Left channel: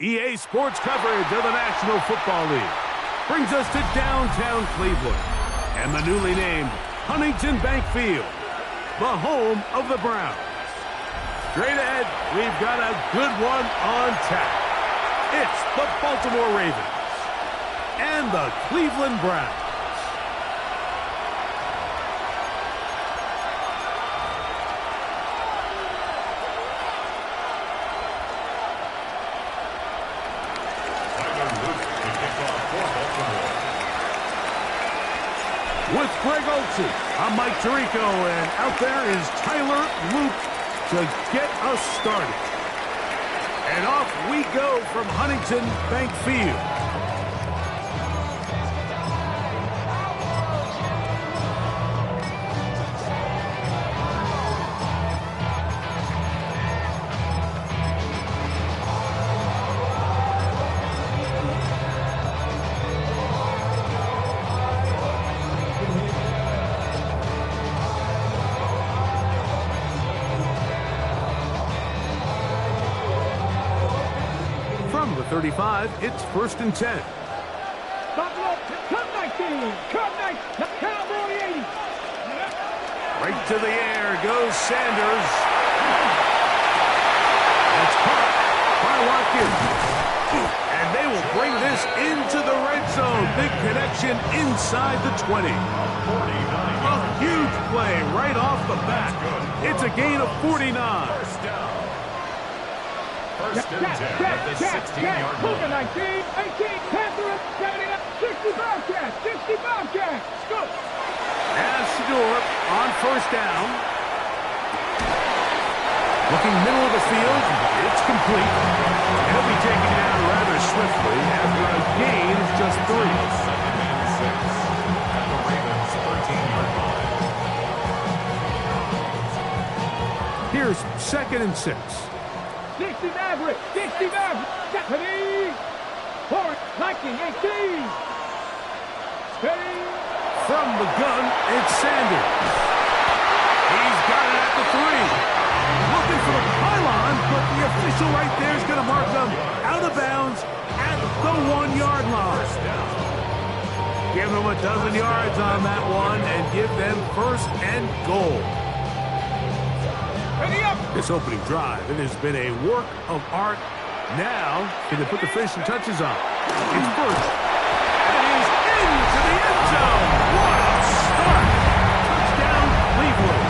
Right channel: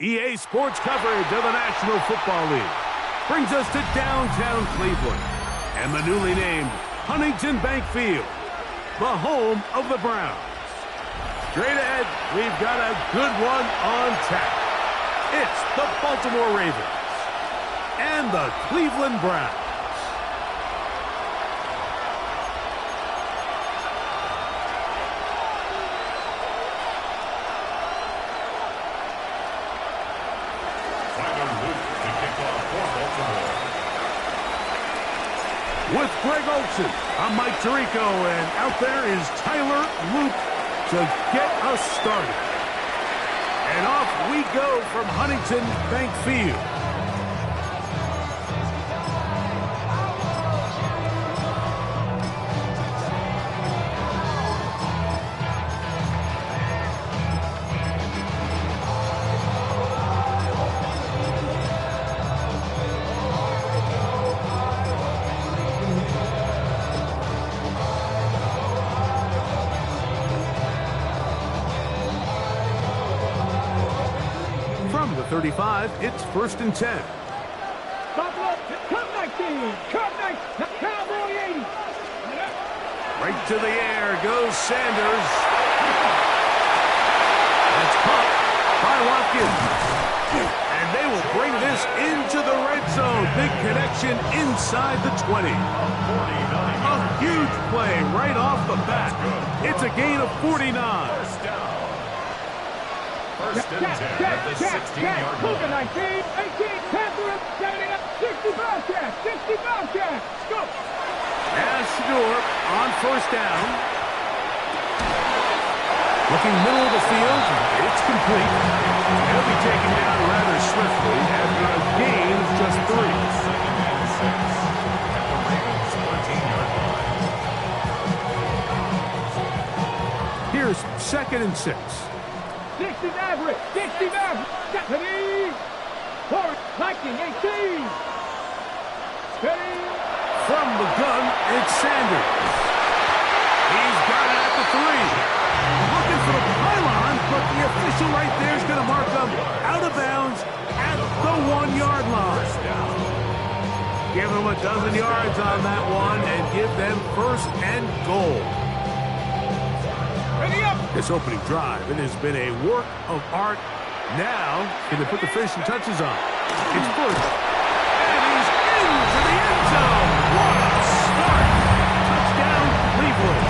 EA Sports coverage of the National Football League brings us to downtown Cleveland and the newly named Huntington Bank Field, the home of the Browns. Straight ahead, we've got a good one on tap. It's the Baltimore Ravens and the Cleveland Browns. With Greg Olsen, I'm Mike Tirico, and out there is Tyler Luke to get us started. And off we go from Huntington Bank Field. From the 35, it's 1st and 10. Come 19, Cowboy 80. Right to the air goes Sanders. That's caught by Watkins. And they will bring this into the red zone. Big connection inside the 20. A huge play right off the bat. It's a gain of 49. First down. First and 10 at the 16-yard line. 19, 18, Panther, 70, 60 Bobcats, 60 Bobcats. Go. As Shador on first down. Looking middle of the field, it's complete. He'll be taken down rather swiftly after a gain of just 3. Second and 6 at the Ravens' 13-yard line. Here's 2nd and 6. 60 Maverick, 60 Maverick, Stephanie, forward, 19, 18, steady. From the gun, it's Sanders. He's got it at the 3. Looking for the pylon, but the official right there is going to mark him out of bounds at the 1-yard line. Give them a dozen yards on that one and give them 1st and goal. This opening drive, it has been a work of art. Now, can they put the finishing touches on? It's first. And he's into the end zone. What a start. Touchdown, Cleveland.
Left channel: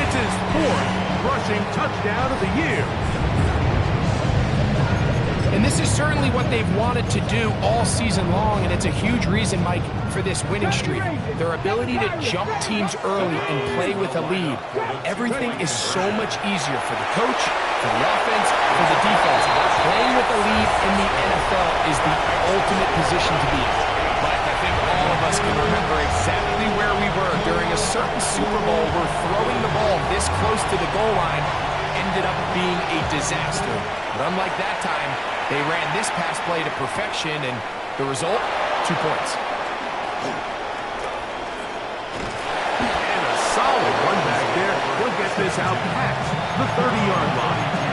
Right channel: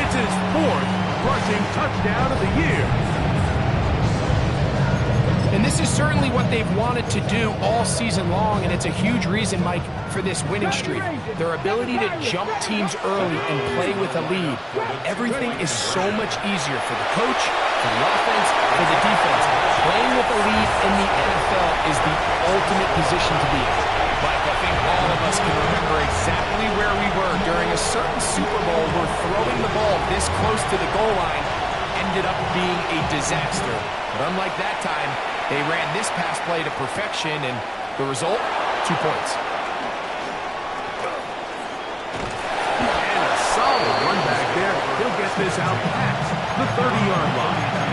It's his 4th rushing touchdown of the year. And this is certainly what they've wanted to do all season long, and it's a huge reason, Mike, for this winning streak. Their ability to jump teams early and play with a lead. Everything is so much easier for the coach, for the offense, for the defense. Playing with a lead in the NFL is the ultimate position to be in. Mike, I think all of us can remember exactly where we were during a certain Super Bowl where throwing the ball this close to the goal line ended up being a disaster. But unlike that time, they ran this pass play to perfection, and the result, 2 points. And a solid run back there. He'll get this out past the 30-yard line.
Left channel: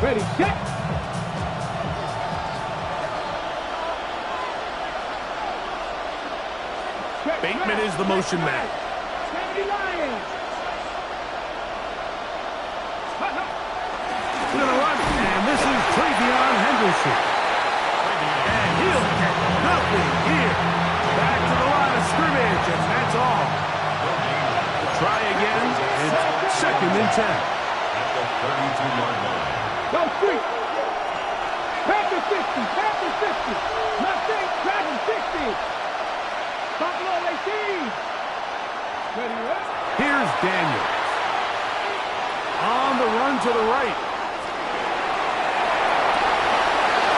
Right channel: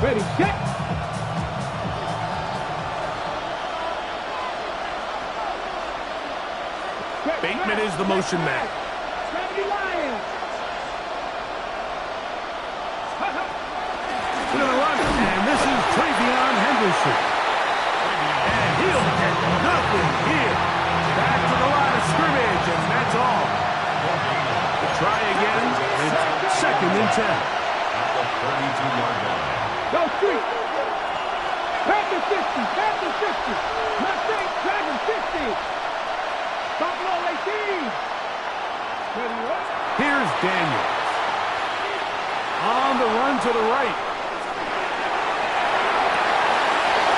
Ready, set. Bateman is the motion man. 70 Lions. Going to run, and this is Travion Henderson. And he'll get nothing here. Back to the line of scrimmage, and that's all. We'll try again. It's 2nd and 10. at the 32-yard line. Go street. Panther 60. Panther 60. Mustang Dragon 60. Buffalo 18. Ready, right? Here's Daniels. On the run to the right.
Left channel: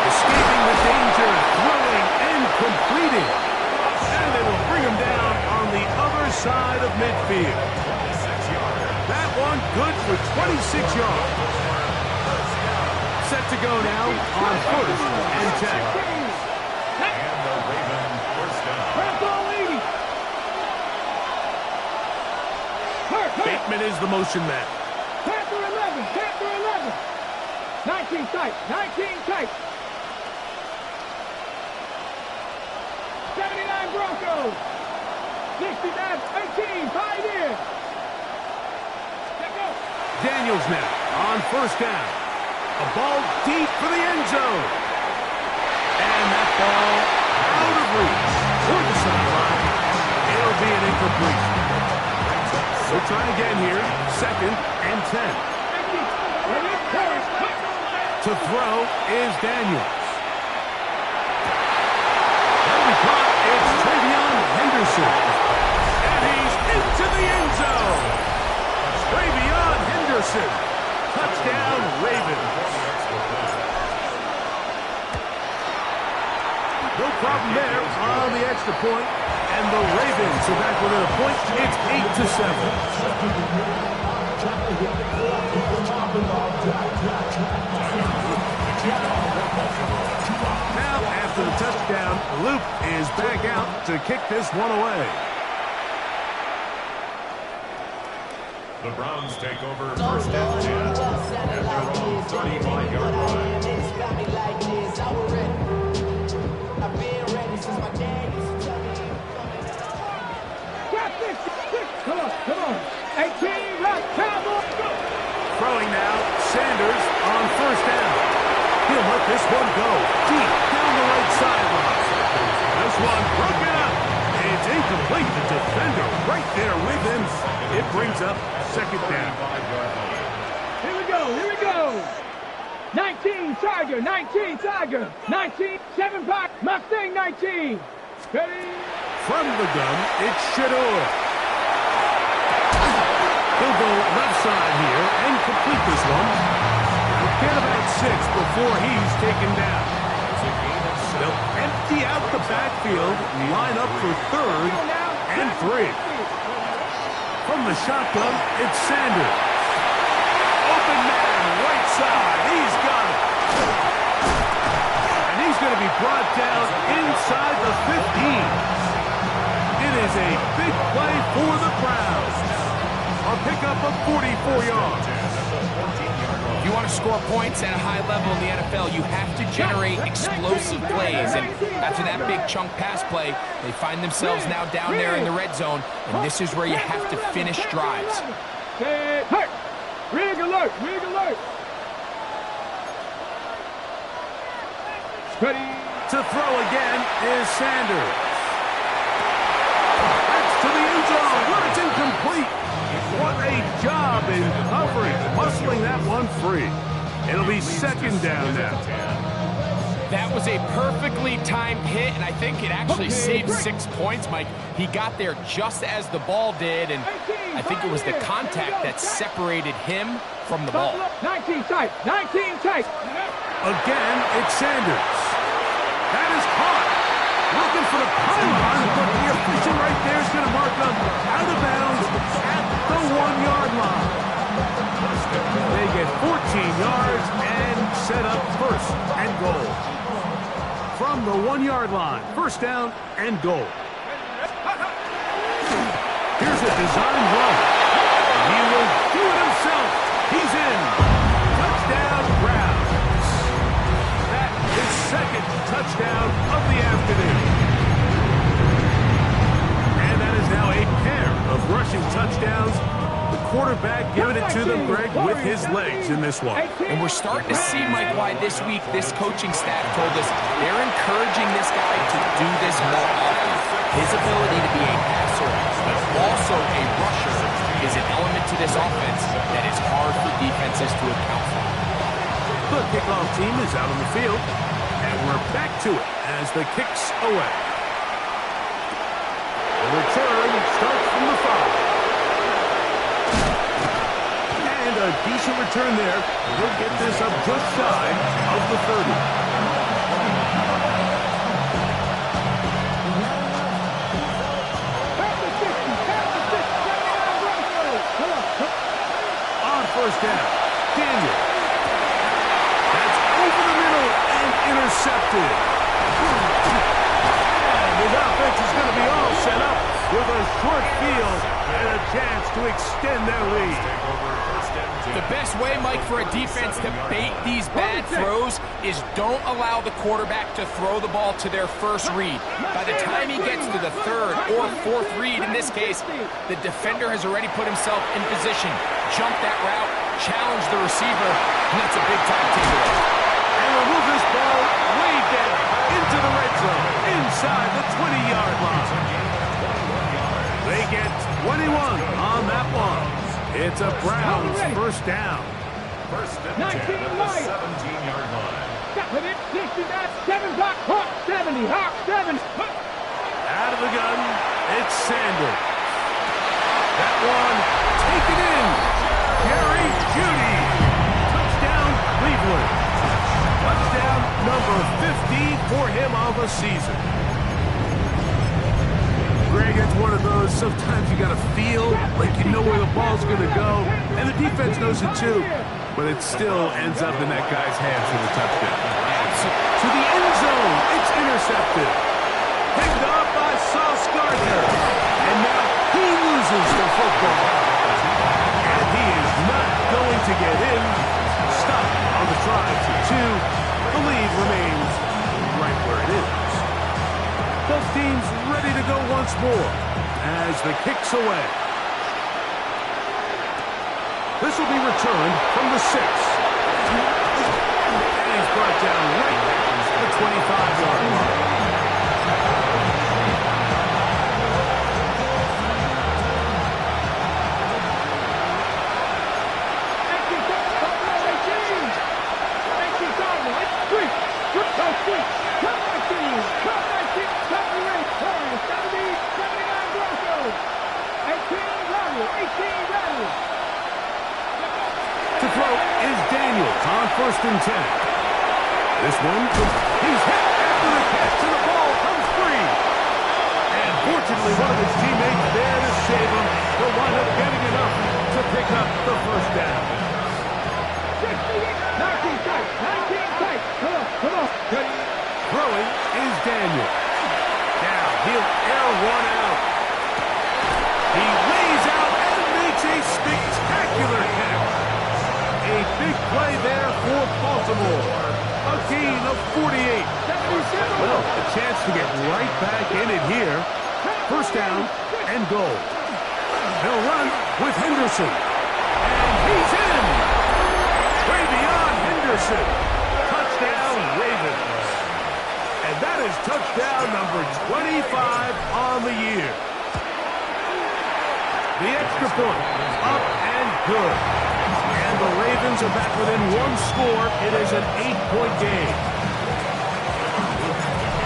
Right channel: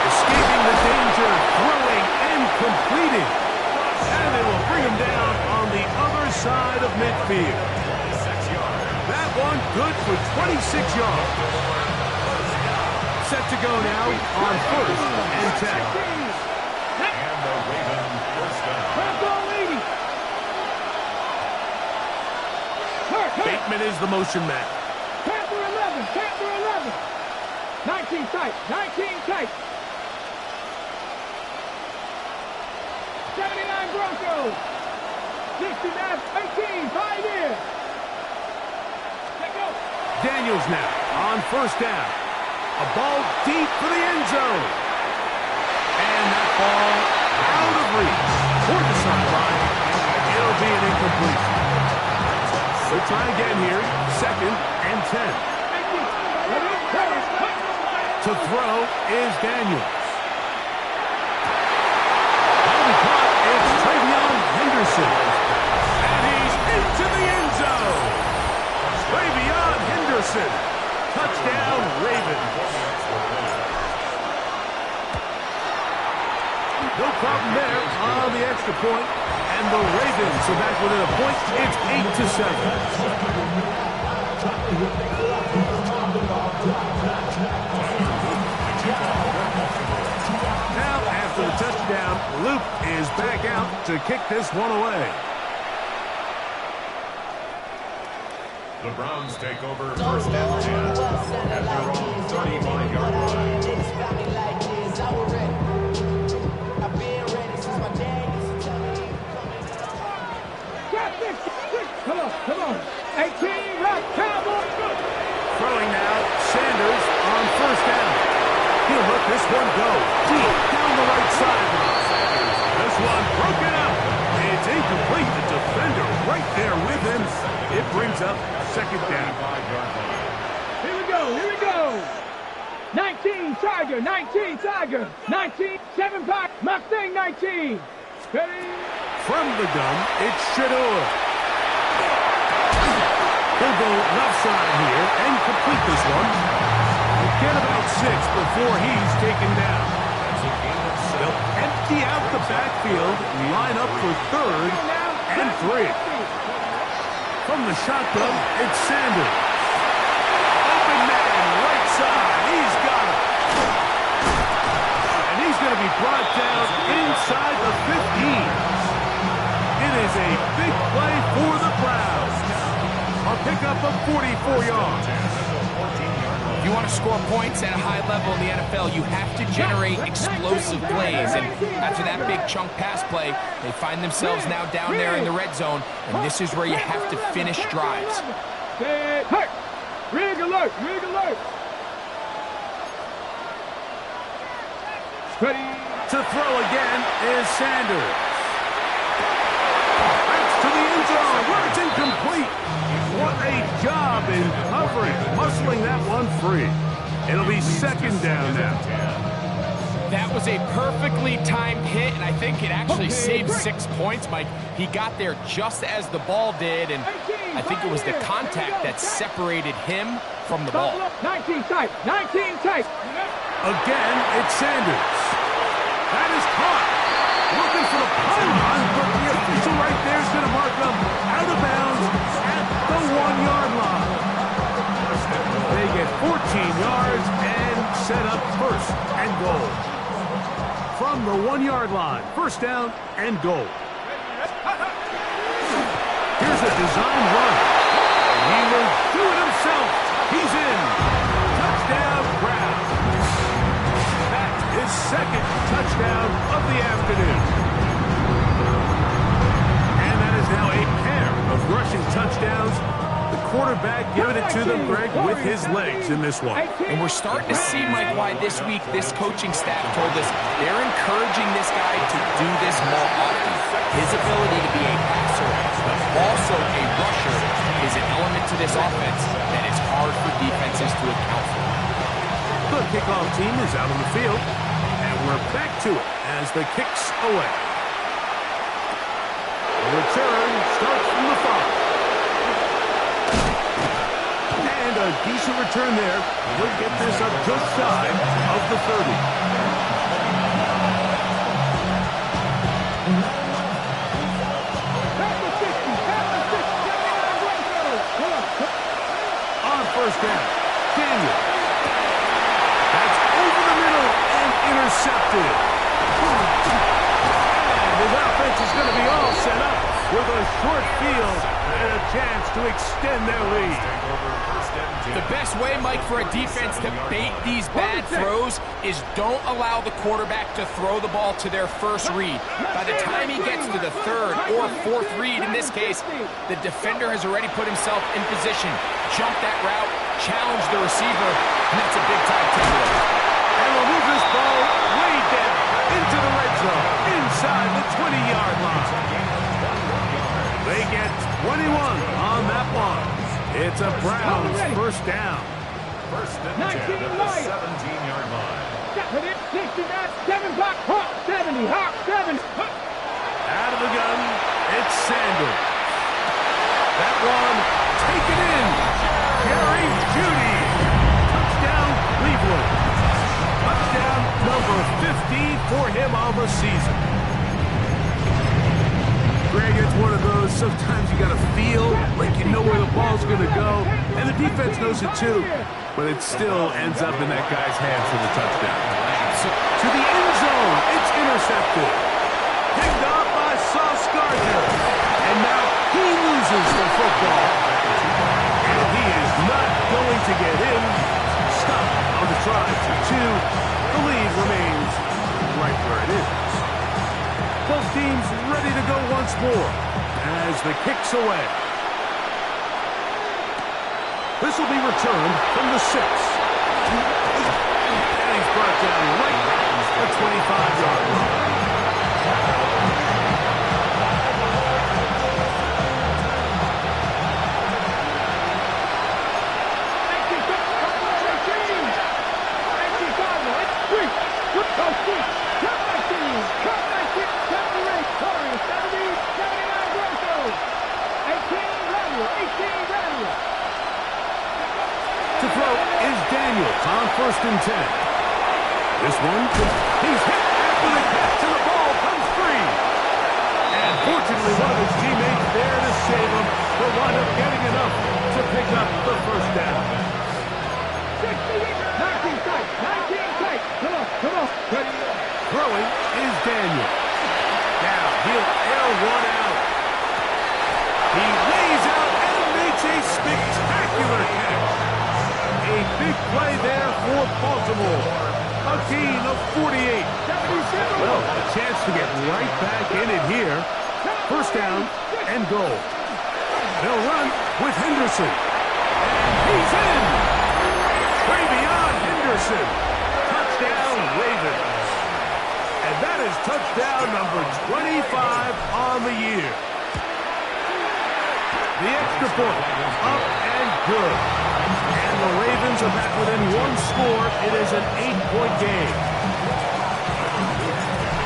Escaping the danger, throwing and completing. And they will bring him down on the other side of midfield. 26 yards. That one good for 26 yards. Set to go now on 1st and 10. And the Ravens first down. Bronco 80. Hurt. Bateman is the motion man. Panther 11. Panther 11. 19 tight. 19 tight. 79 Broncos. 60 Mavs. 18 Pioneer. Let go. Daniels now on 1st down. A ball deep for the end zone. And that ball out of reach toward the sideline. It'll be an incompletion. We'll try again here. 2nd and 10. To throw is Daniels. That'll be caught. It's Travion Henderson. And he's into the end zone. Travion Henderson. Touchdown, Ravens. No problem there on the extra point. And the Ravens are back within a point. It's 8-7. Now, after the touchdown, Luke is back out to kick this one away. The Browns take over 1st and 10 at their own 35-yard line. Come on. 18, rock, Cowboy, go. Throwing now, Sanders on 1st down. He'll let this one go deep down the right sideline. This one broken up. It's incomplete. The defender right there with him. It brings up 2nd down. Here we go. 19 Tiger, 19 Tiger, 19, 7 5, Mustang 19. Ready? From the gun, it's Shador. He'll go left side here and complete this one. He'll get about 6 before he's taken down. They'll empty out the backfield, line up for 3rd and 3. From the shotgun, it's Sanders. Open man, right side. He's got it. And he's going to be brought down inside the 15. It is a big play for the Browns. A pickup of 44 yards. If you want to score points at a high level in the NFL, you have to generate explosive plays. And after that big chunk pass play, they find themselves now down there in the red zone. And this is where you have to finish drives. Hurt. Rig alert. Ready? To throw again is Sanders. That's to the end zone where it's incomplete. What a job in covering, muscling that one free. It'll be 2nd down now. That was a perfectly timed hit, and I think it actually saved 6 points, Mike. He got there just as the ball did, and I think it was the contact that separated him from the ball. 19 tight. Again, it's Sanders. That is caught. Looking for the pylon, but the official right there is going to mark him out of bounds at the 1-yard line. They get 14 yards and set up 1st and goal. From the 1-yard line, 1st down and goal. Here's a design run. He will do it himself. He's in. Touchdown, Browns. That is 2nd touchdown of the afternoon. And that is now a pair of rushing touchdowns. The quarterback giving it to them, Greg, with his legs in this one. And we're starting to see, Mike, why this week this coaching staff told us they're encouraging this guy to do this more often. His ability to be a passer, but also a rusher, is an element to this offense that is hard for defenses to account for. The kickoff team is out on the field, and we're back to it as the kick's away. The return starts from the 5. And a decent return there. He'll get this up just shy of the 30. On first down, Daniel. That's over the middle and intercepted. And his offense is going to be all set up with a short field and a chance to extend their lead. The best way, Mike, for a defense to bait these bad throws is don't allow the quarterback to throw the ball to their first read. By the time he gets to the third or fourth read, in this case, the defender has already put himself in position, jump that route, challenge the receiver, and that's a big-time takeaway. And we'll move this ball way down into the red zone, inside the 20-yard line. They get 21 on that one. It's a Browns first down. First and 10 at the 17-yard line. 69, 7 block, Hawk 70, Hawk 70. Out of the gun, it's Sanders. That one taken in. Jerry Jeudy. Touchdown, Cleveland. Touchdown number 50 for him on the season. Greg, it's one of those, sometimes you got to feel like you know where the ball's going to go, and the defense knows it too, but it still ends up in that guy's hands for the touchdown. To the end zone, it's intercepted. Picked up by Sauce Gardner, and now he loses the football. And he is not going to get in. Stop on the try to 2. The lead remains right where it is. Both teams ready to go once more as the kick's away. This will be returned from the 6. And he's brought down right at the 25-yard line. To throw is Daniels on first and 10. This one, he's hit after the catch, and the ball comes free. And fortunately, one of his teammates there to save him. He'll wind up getting enough to pick up the first down. 19 tight, 19 tight. Come on. Ready. Throwing is Daniel. Now he'll air one out. He lays out and makes a spectacular catch. A big play there for Baltimore. A gain of 48. Well, a chance to get right back in it here. First down and goal. They'll run with Henderson. And he's in. Travion Henderson. Touchdown, Ravens. And that is touchdown number 25 on the year. The extra point, up and good. And the Ravens are back within one score. It is an 8-point game.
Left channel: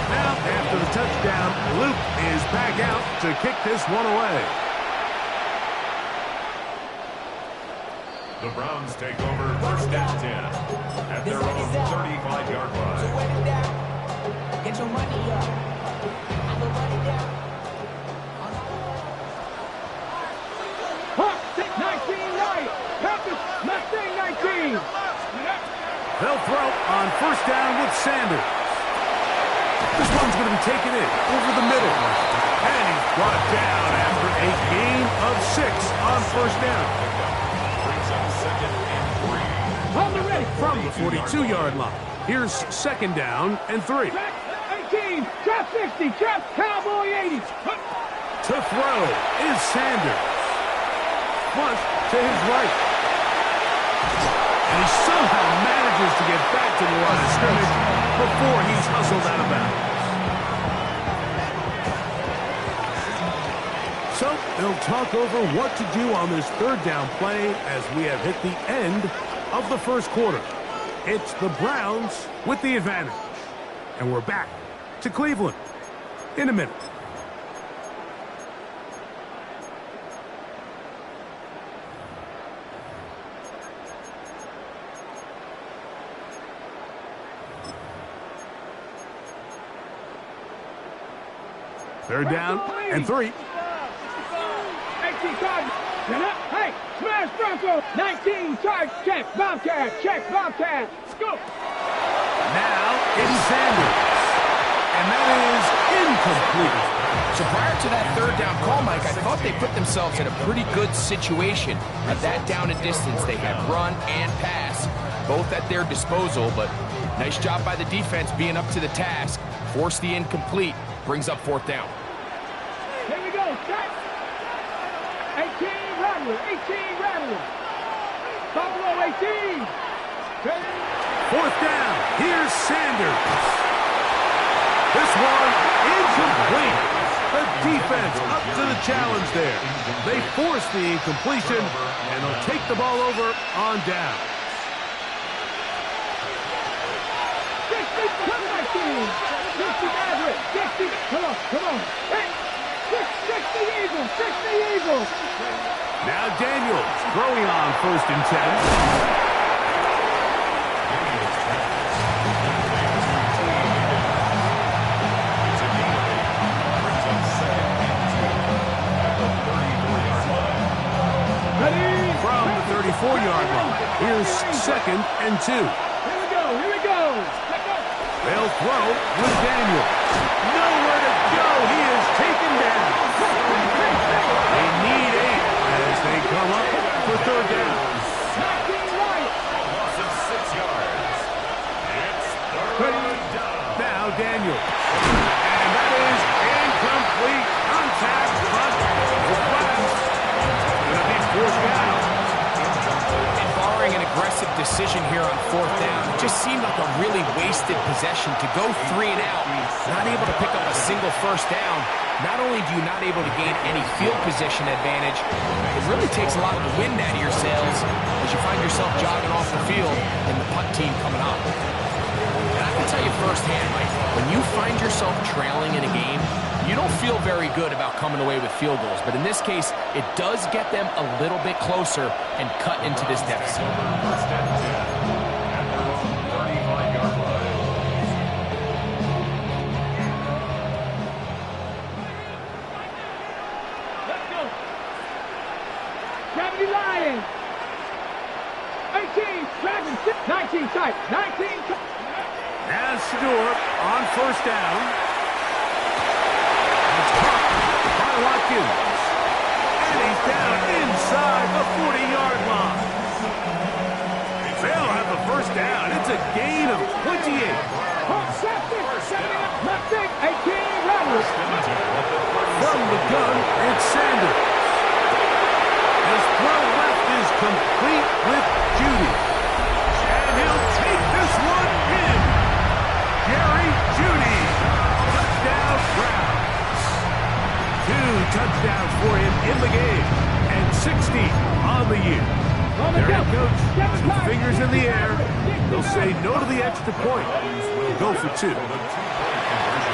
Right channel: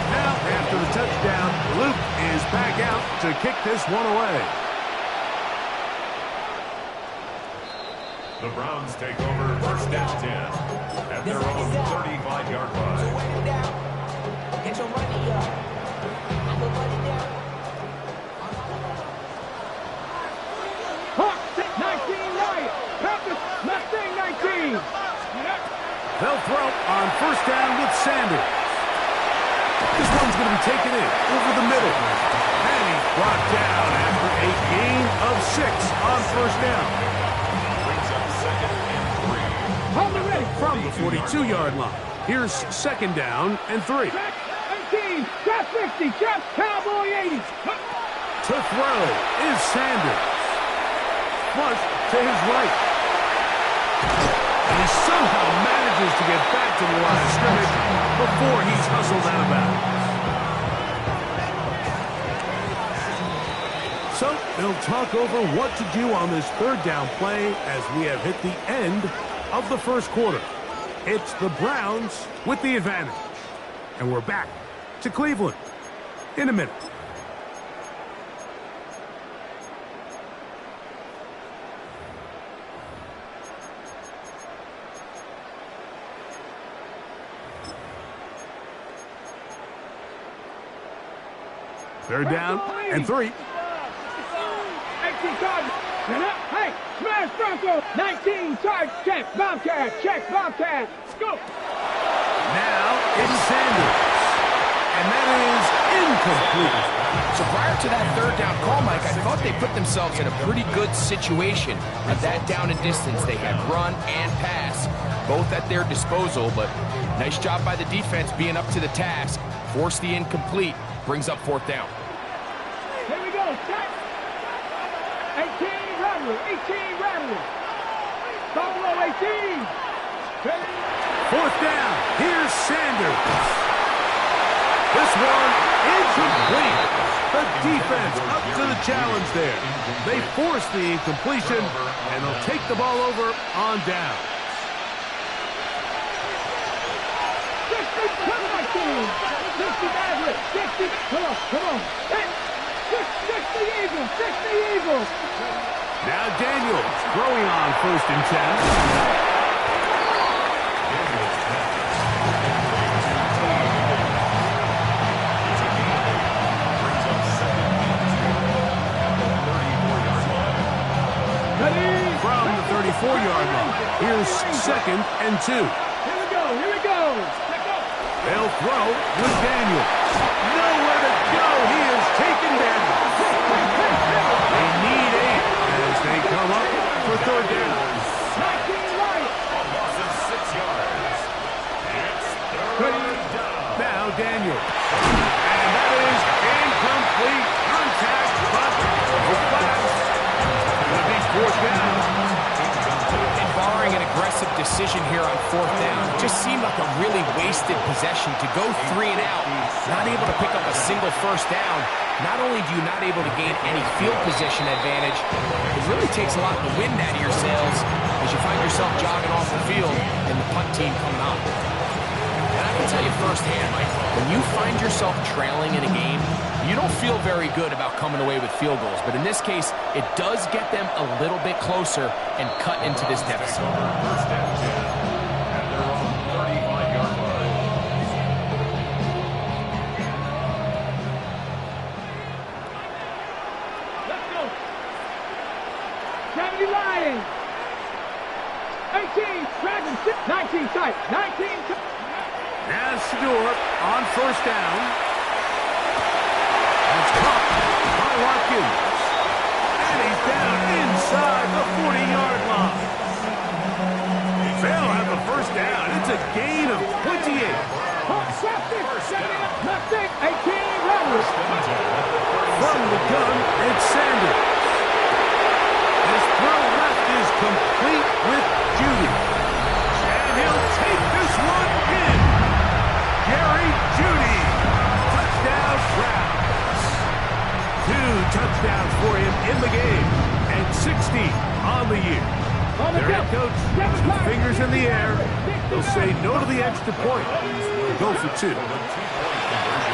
Now, after the touchdown, Luke is back out to kick this one away. The Browns take over first and 10 at their own 35-yard line. Get your money up. I'm the money down. Hawk 19 right. Panthers Mustang 19. They'll throw on first down with Sanders. This one's going to be taken in over the middle. And he's brought down after a gain of 6 on first down. Brings up second and 3. Hold the ready. From the 42-yard line. Here's second down and 3. 18. Trap 60. Trap Cowboy 80. To throw is Sanders. Flush to his right. And he somehow manages to get back to the line of scrimmage before he's hustled out of bounds. So they'll talk over what to do on this third down play as we have hit the end of the first quarter. It's the Browns with the advantage. And we're back to Cleveland in a minute. Third down and 3. 18 cards. Hey, smash Bronco. 19 charge. Check Bobcat. Check Bobcat. Go. Now it's Sanders. And that is incomplete. So prior to that third down call, Mike, I thought they put themselves in a pretty good situation. At that down and distance, they had run and pass, both at their disposal, but nice job by the defense being up to the task. Force the incomplete, brings up fourth down. Here we go. Check. 18 Rattler. 18 Rattler. Buffalo 18. Fourth down. Here's Sanders. This one incomplete. The defense up to the challenge there. They force the incompletion, and they'll take the ball over on down. 60, 60 Maverick. 60. Come on. Hey. 60 Eagles. 60 Eagles. Now Daniels throwing on 1st and 10. From the 34-yard line, here's 2nd and 2. Here we go. They'll throw with Daniel. Nowhere to go. He is taken down. They need 8 as they come up for third down. 19 right. Loss of 6 yards. It's third down. Now Daniel. And that is incomplete. Contact, but no flags. Going to be fourth down. And barring an aggressive decision here on fourth down, it just seemed like a really wasted possession to go 3 and out, not able to pick up a single first down. Not only do you not able to gain any field position advantage, it really takes a lot of the wind out of your sails as you find yourself jogging off the field and the punt team coming on. And I can tell you firsthand, Mike, when you find yourself trailing in a game, you don't feel very good about coming away with field goals. But in this case, it does get them a little bit closer and cut into this deficit. Over 1st and 10 at their own 35-yard line. Let's go. 70 Lions. 18 Dragons. 19 tight. 19 tight. Now Stewart on 1st down. It's caught by Watkins. And he's down inside the 40-yard line. They'll have the 1st down. It's a gain of 28. Left 18 Rattlers. From the gun, it's Sanders. His throw left is complete with Judy. And he'll take this one in. Jerry Judy. Touchdown Browns. 2 touchdowns for him in the game. And 60 on the year. Their head coach, 2 fingers in the air. They'll say no to the extra point. Go for 2.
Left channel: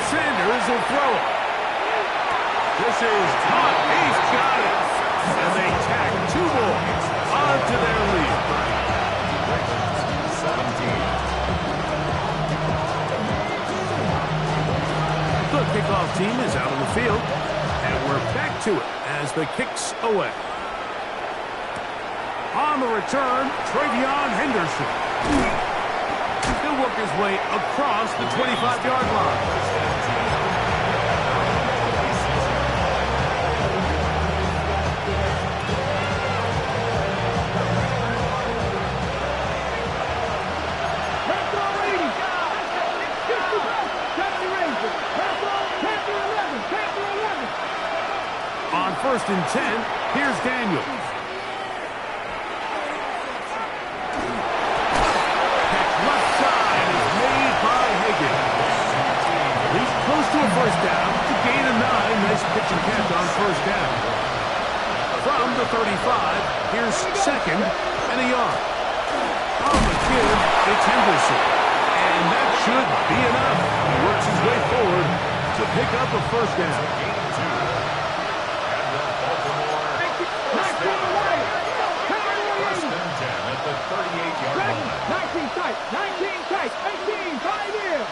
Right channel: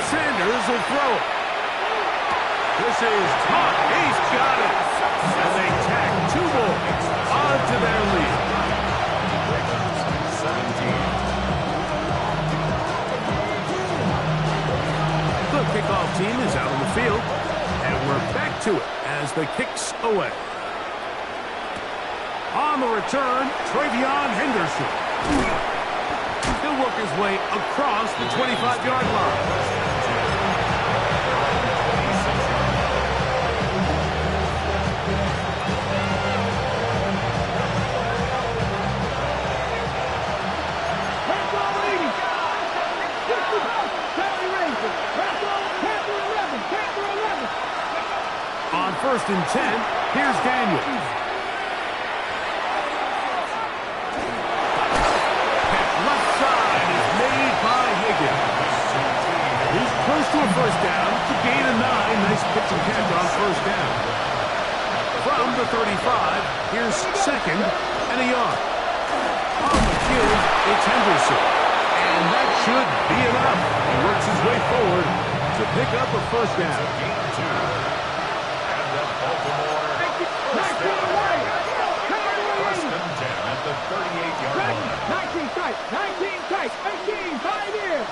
Sanders will throw it. This is caught. He's got it. And they tack 2 more onto their lead. 17. The kickoff team is out on the field. And we're back to it as the kick's away. On the return, Travion Henderson. He'll work his way across the 25-yard line. On 1st and 10, here's Daniels. Catch left side is made by Higgins. He's close to a first down. It's a gain of 9. Nice pitch and catch on first down. From the 35, here's second and a yard. On the give, it's Henderson. And that should be enough. He works his way forward to pick up a first down. Gain of 2. And the Baltimore first down. First and 10 at the 38-yard line. 19 tight, 19 tight, 18, 5 here.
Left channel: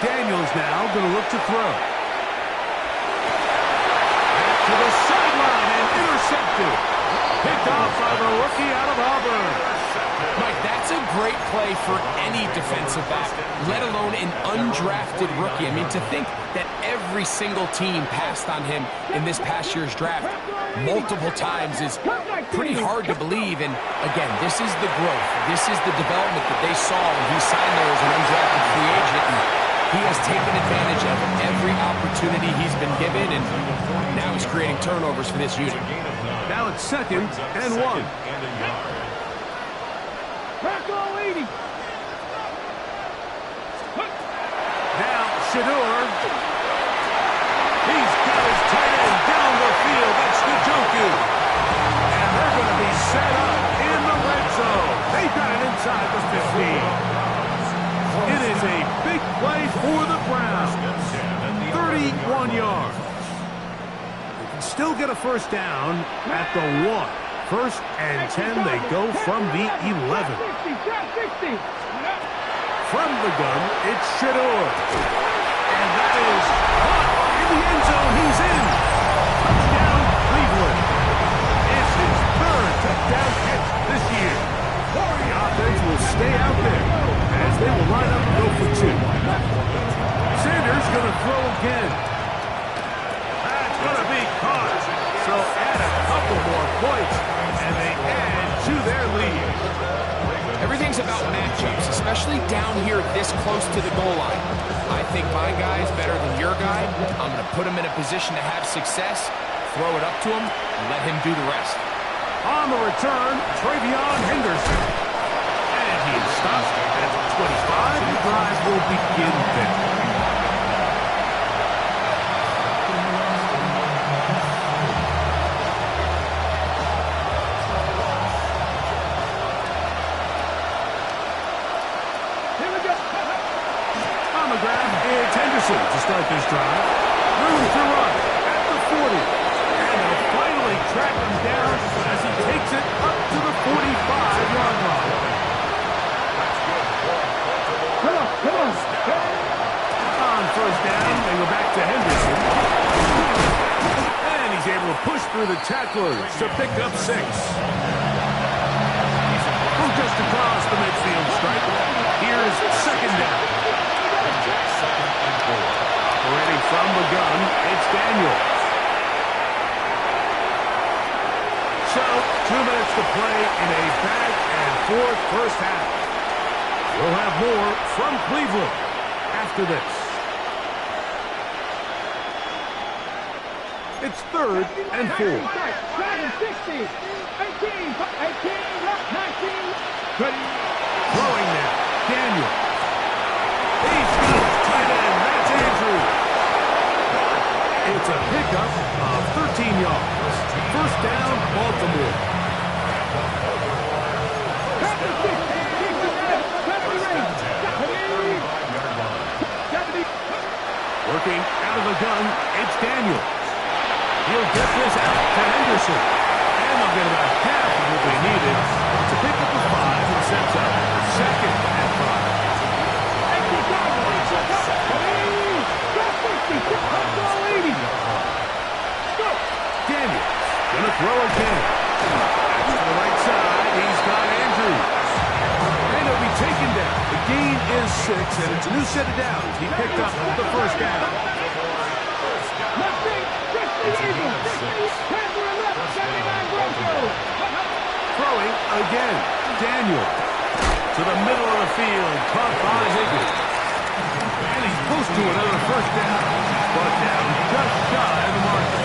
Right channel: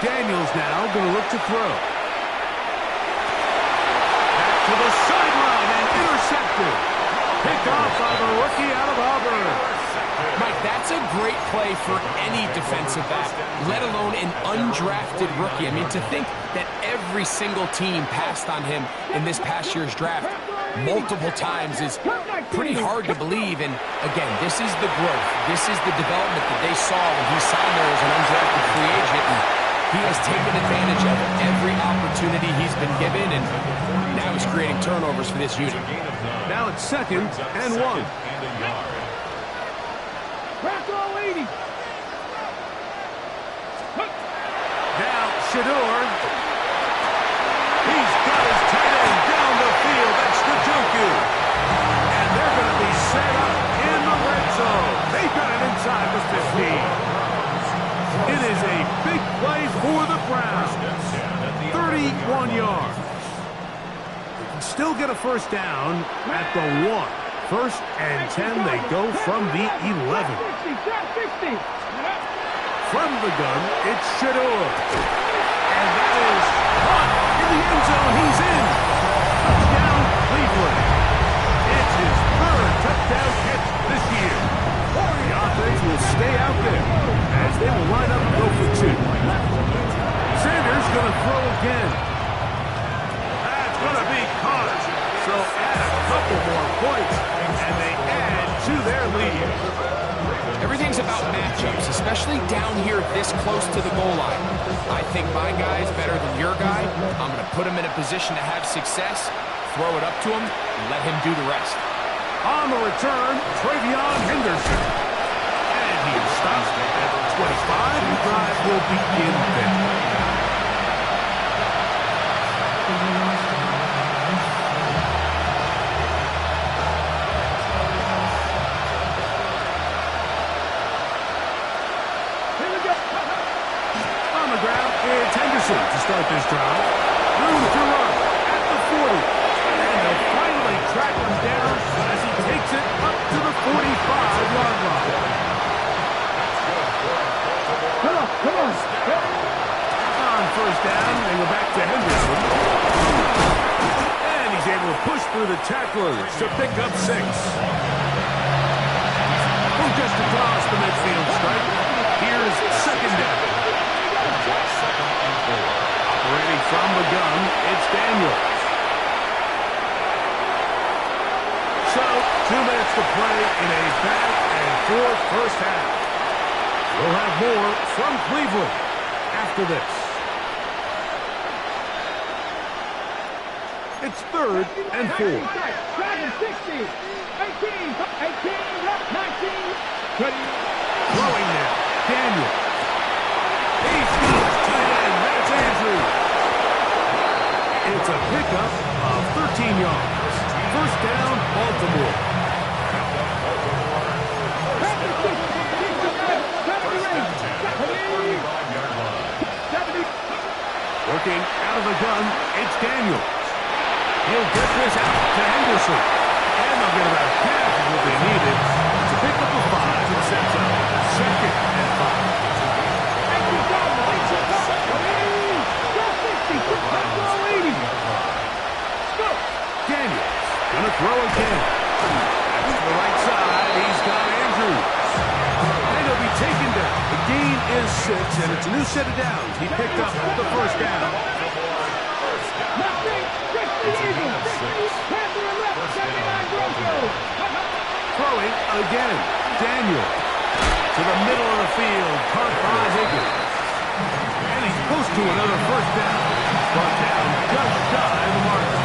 Daniels now going to look to throw. Back to the sideline and intercepted. Picked off by the rookie out of Auburn. Mike, that's a great play for any defensive back, let alone an undrafted rookie. I mean, to think that every single team passed on him in this past year's draft multiple times is pretty hard to believe. And again, this is the growth. This is the development that they saw when he signed there as an undrafted free agent. And he has taken advantage of every opportunity he's been given, and now he's creating turnovers for this unit. Now it's second and 1. And a yard. Bronco leading. Now Shador. He's got his tight end down the field. That's Njoku. And they're going to be set up in the red zone. They've got it inside the 15. It is a big play for the Browns. 31 yards. They can still get a first down at the 1. First and 10, they go from the 11. 60. From the gun, it's Shador. And that is caught in the end zone. He's in. Touchdown, Cleveland. It's his 3rd touchdown catch this year. The offense will stay out there as they will line up and go for 2. Sanders going to throw again. That's going to be caught. So add a couple more points, and they add to their lead. Everything's about matchups, especially down here this close to the goal line. I think my guy is better than your guy. I'm going to put him in a position to have success, throw it up to him, and let him do the rest. On the return, Travion Henderson. And he is stopped at 25. The drive will begin then. On the grab, it's Henderson to start this drive. Room to run at the 40. And they'll finally track him down as he takes it up to the 45-yard line. Come on. On first down, they go back to Henderson. And he's able to push through the tacklers to pick up 6. From just across the midfield stripe, here's second down. Second and 4. Operating from the gun, it's Daniels. So, 2 minutes to play in a back-and-forth first half. We'll have more from Cleveland after this. It's 3rd and 4. 60, 18, 19. Throwing now, Daniels. He's got his tight end. That's Andrews. It's a pickup of 13 yards. First down, Baltimore. Working out of the gun, it's Daniels. He'll get this out to Henderson. And they'll get about half of what they needed to pick up the 5 and sets up second and 5. Daniels gonna throw again. That's to the right side. He's got Andrews. And he'll be taken down. The gain is 6, and it's a new set of downs. He picked up the first down. Throwing again. Daniels to the middle of the field. Caught by Higgins. And he's close to another first down. He's brought down just shy of the marker.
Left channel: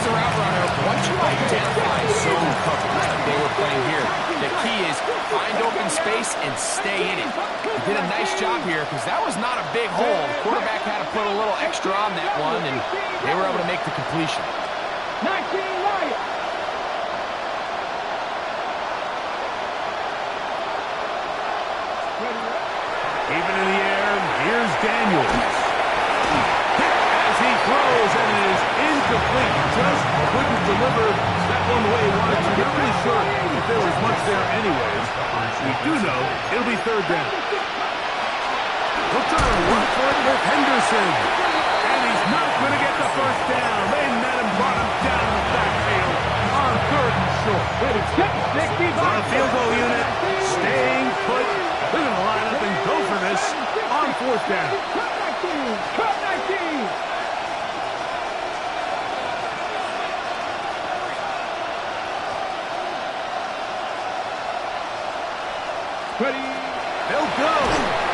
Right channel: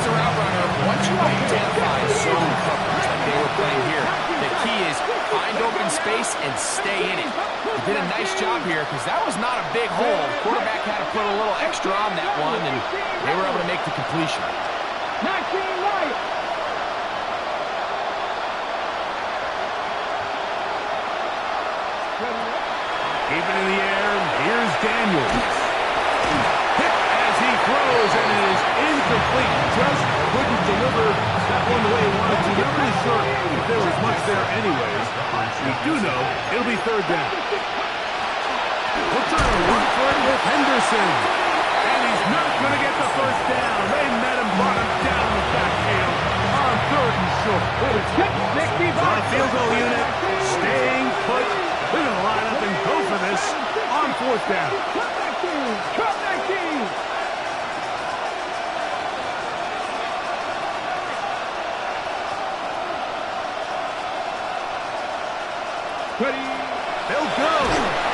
As a route runner, once you identify zone coverage, like they were playing here. The key is find open space and stay in it. He did a nice job here because that was not a big hole. The quarterback had to put a little extra on that one, and they were able to make the completion. 19 Lions. Keep it in the air. Here's Daniels. Hit as he throws, and it is incomplete. Just couldn't deliver that one the way he wanted to. Not really sure if there was much there anyways. We do know it'll be third down. He'll try to work for it with Henderson. And he's not going to get the first down. They met him, brought him down in the backfield on third and short. The field goal unit staying put. They're going to line up and go for this on fourth down. Cut 19. Ready. They'll go.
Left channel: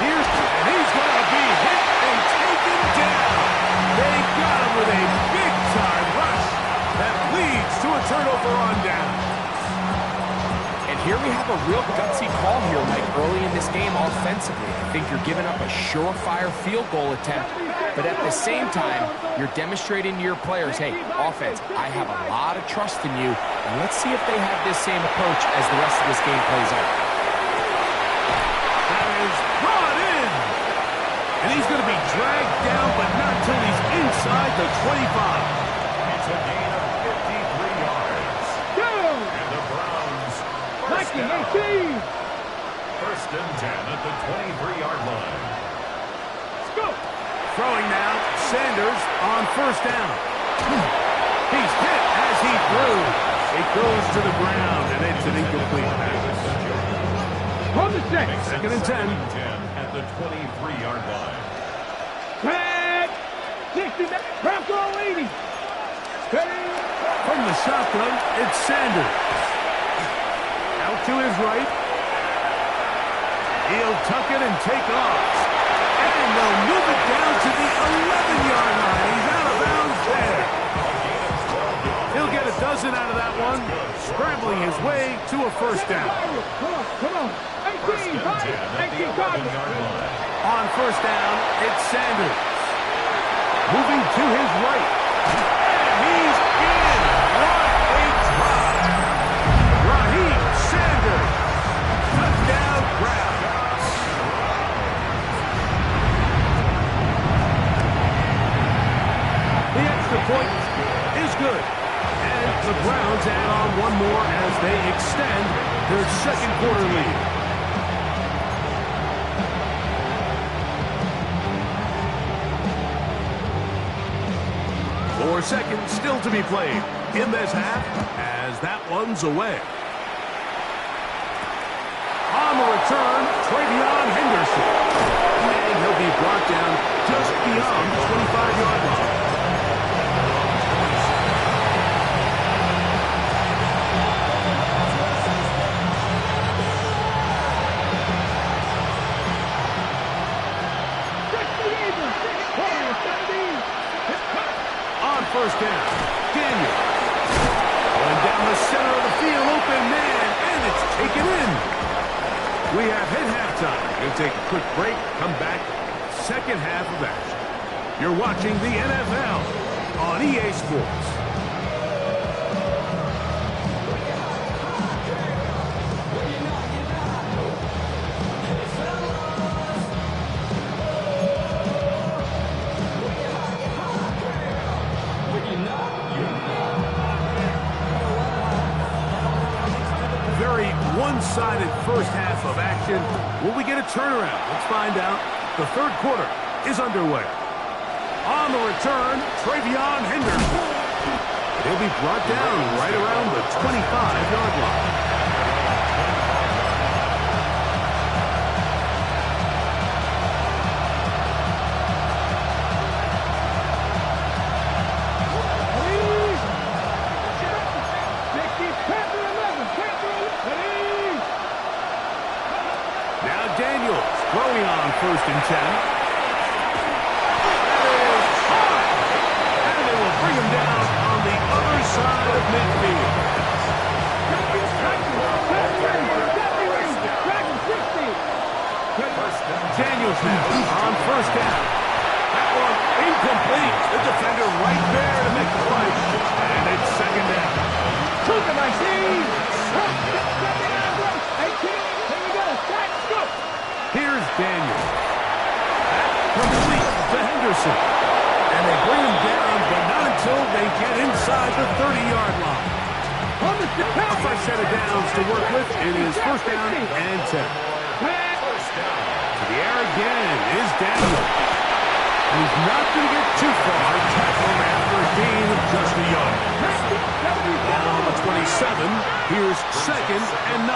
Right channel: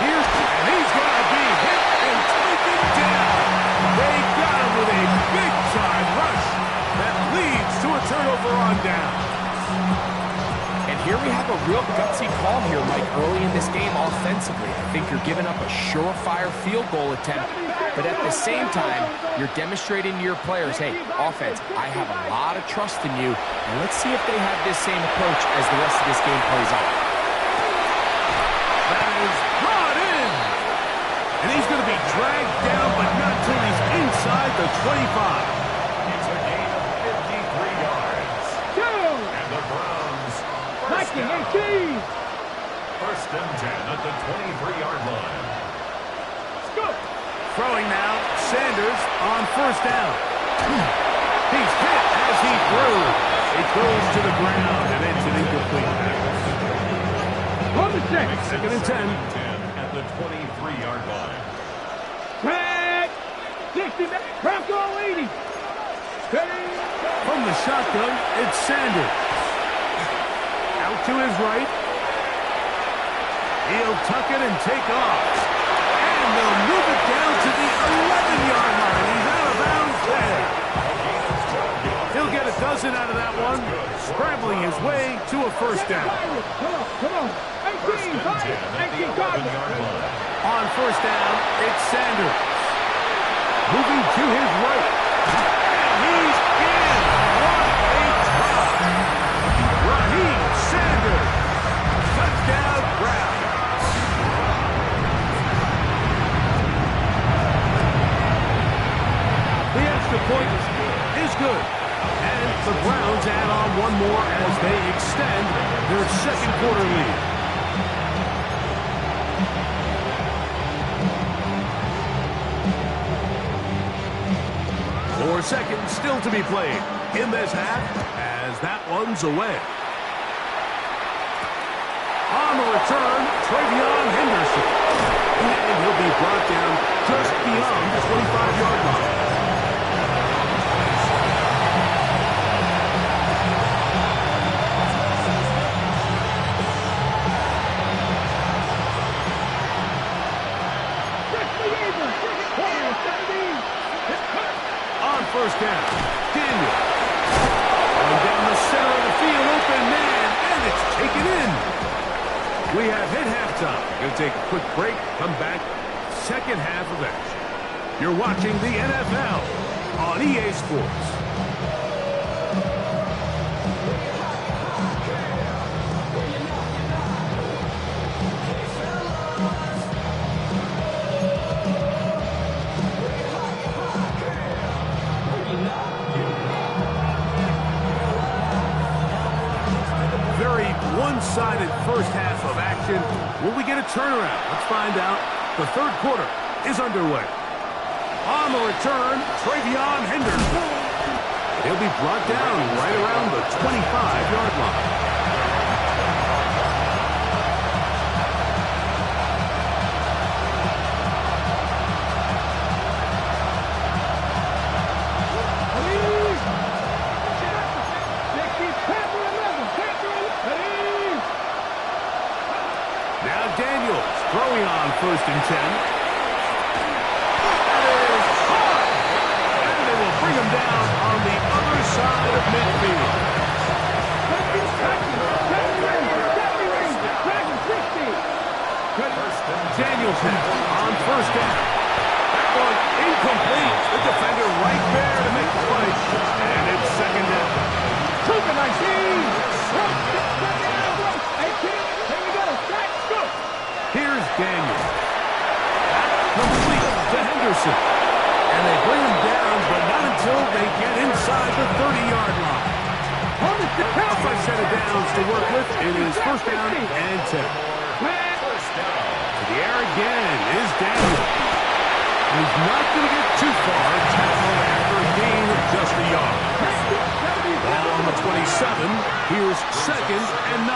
And he's going to be hit and taken down. They got him with a big-time rush that leads to a turnover on down. And here we have a real gutsy call here, Mike, early in this game offensively. I think you're giving up a surefire field goal attempt, but at the same time, you're demonstrating to your players, hey, offense, I have a lot of trust in you, and let's see if they have this same approach as the rest of this game plays out. That is brought in. And he's going to be dragged down, but not till he's inside the 25. It's a gain of 53 yards. Down. And the Browns first 19, down. 18. First and 10 at the 23-yard line. Let's go. Throwing now, Sanders on first down. He's hit as he threw. It goes to the ground, and it's an incomplete pass. On the set. Second and 10. At the 23-yard line. Tag. 60 minutes. Bronco 80. Ready. From the shotgun, it's Sanders. Out to his right. He'll tuck it and take off. And they'll move it down to the 11-yard line. He's out of bounds there. He'll get a dozen out of that one, scrambling his way to a first down. Come on. 18, 18 Cardinals. On first down, it's Sanders. Moving to his right. And he's in. What a try. Raheem Sanders. Touchdown Browns. The extra point is good. And the Browns add on one more as they extend their second quarter lead. 4 seconds still to be played in this half as that one's away. On the return, Travion Henderson. And he'll be brought down just beyond the 25-yard line. On first down, Daniels. Going down the center of the field, open man, and it's taken in. We have hit halftime. Going to take a quick break, come back, second half of action. You're watching the NFL on EA Sports. Very one-sided first half of action. Will we get a turnaround? Let's find out. The third quarter is underway. On the return, Travion Henderson. He'll be brought down right around the 25-yard line. Now Daniels throwing on first and 10. That is hard. And they will bring him down on the other side of midfield. Daniels now on first down. That one incomplete. The defender right there to make the play. And it's second down. Took it, I see. Here we go. Let's go. Here's Daniels. That complete to Henderson. And they bring him down, but not until they get inside the 30-yard line. A fresh set of downs to work with. It is first down and 10. To the air again is Daniels. He's not going to get too far. Tackled after a gain of just a yard. Ball on the 27. Here's second and 9.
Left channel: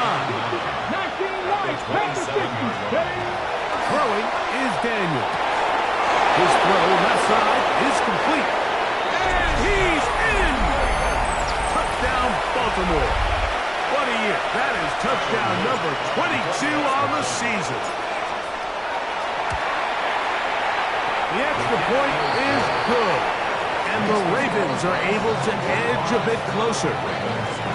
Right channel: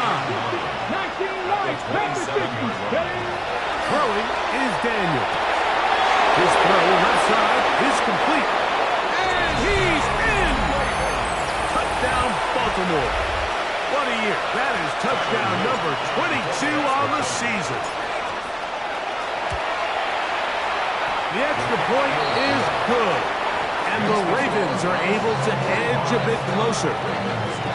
Throwing is Daniels. His throw left side is complete. And he's in! Touchdown, Baltimore. What a year. That is touchdown number 22 on the season. The extra point is good. And the Ravens are able to edge a bit closer.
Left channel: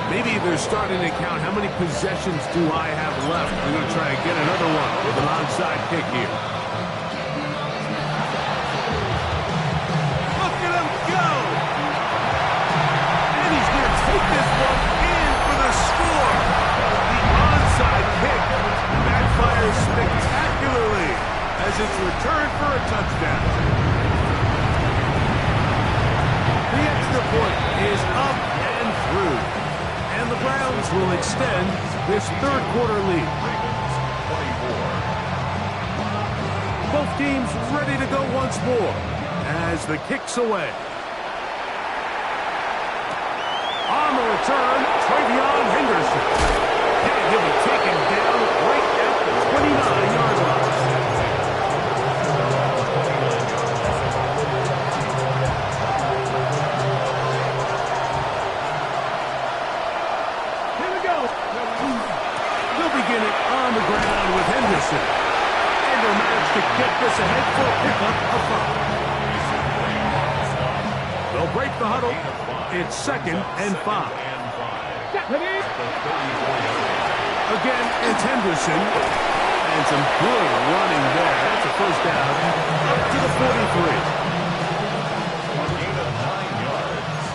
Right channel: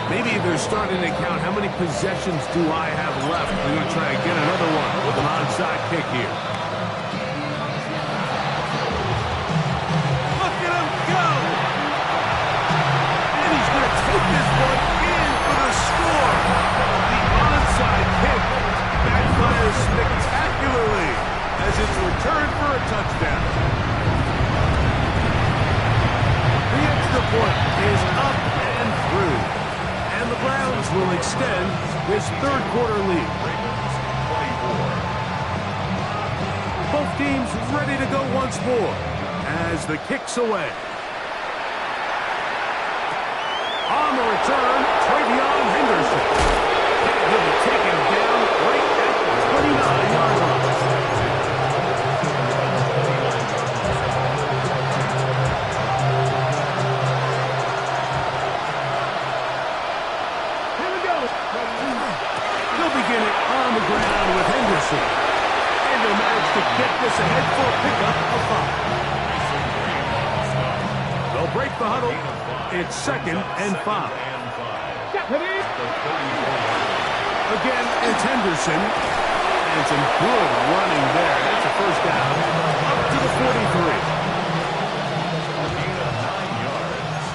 Maybe they're starting to count how many possessions do I have left. They're going to try to get another one with an onside kick here. Look at him go! And he's going to take this one in for the score. The onside kick backfires spectacularly as it's returned for a touchdown. The extra point is up and through. And the Browns will extend this third quarter lead. Both teams ready to go once more as the kick's away. On the return, Travion Henderson. And he'll be taken down right at the 29-yard line. Begin it on the ground with Henderson. And he'll manage to get this ahead for a pickup of 5. They'll break the huddle. It's second and 5. Again, it's Henderson. And some good running there. That's a first down up to the 43. A gain of 9 yards.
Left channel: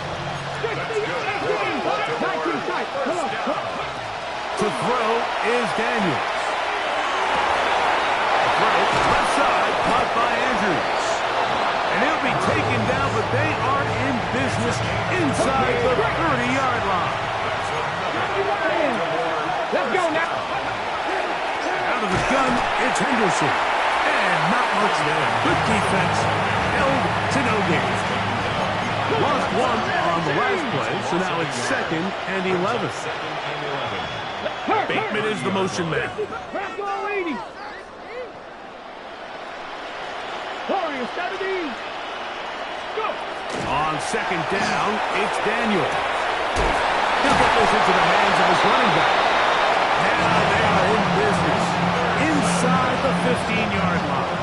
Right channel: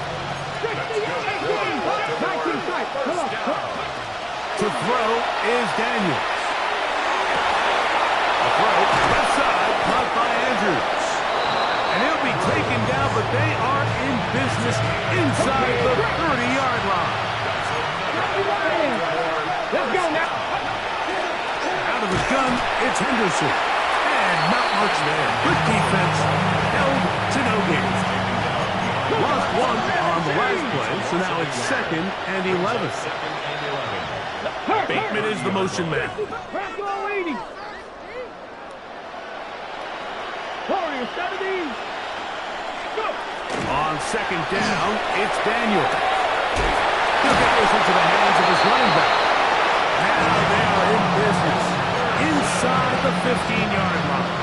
First down. To throw is Daniels. A throw left side caught by Andrews. And he'll be taken down, but they are in business inside the 30-yard line. Let's go now. Out of the gun, it's Henderson. And not much there. Good defense. Held to no gain. Lost one on the last play, so now it's second and 11. Bateman is the motion man. On second down, it's Daniels. He'll get this into the hands of his running back. Now they are in business inside the 15-yard line.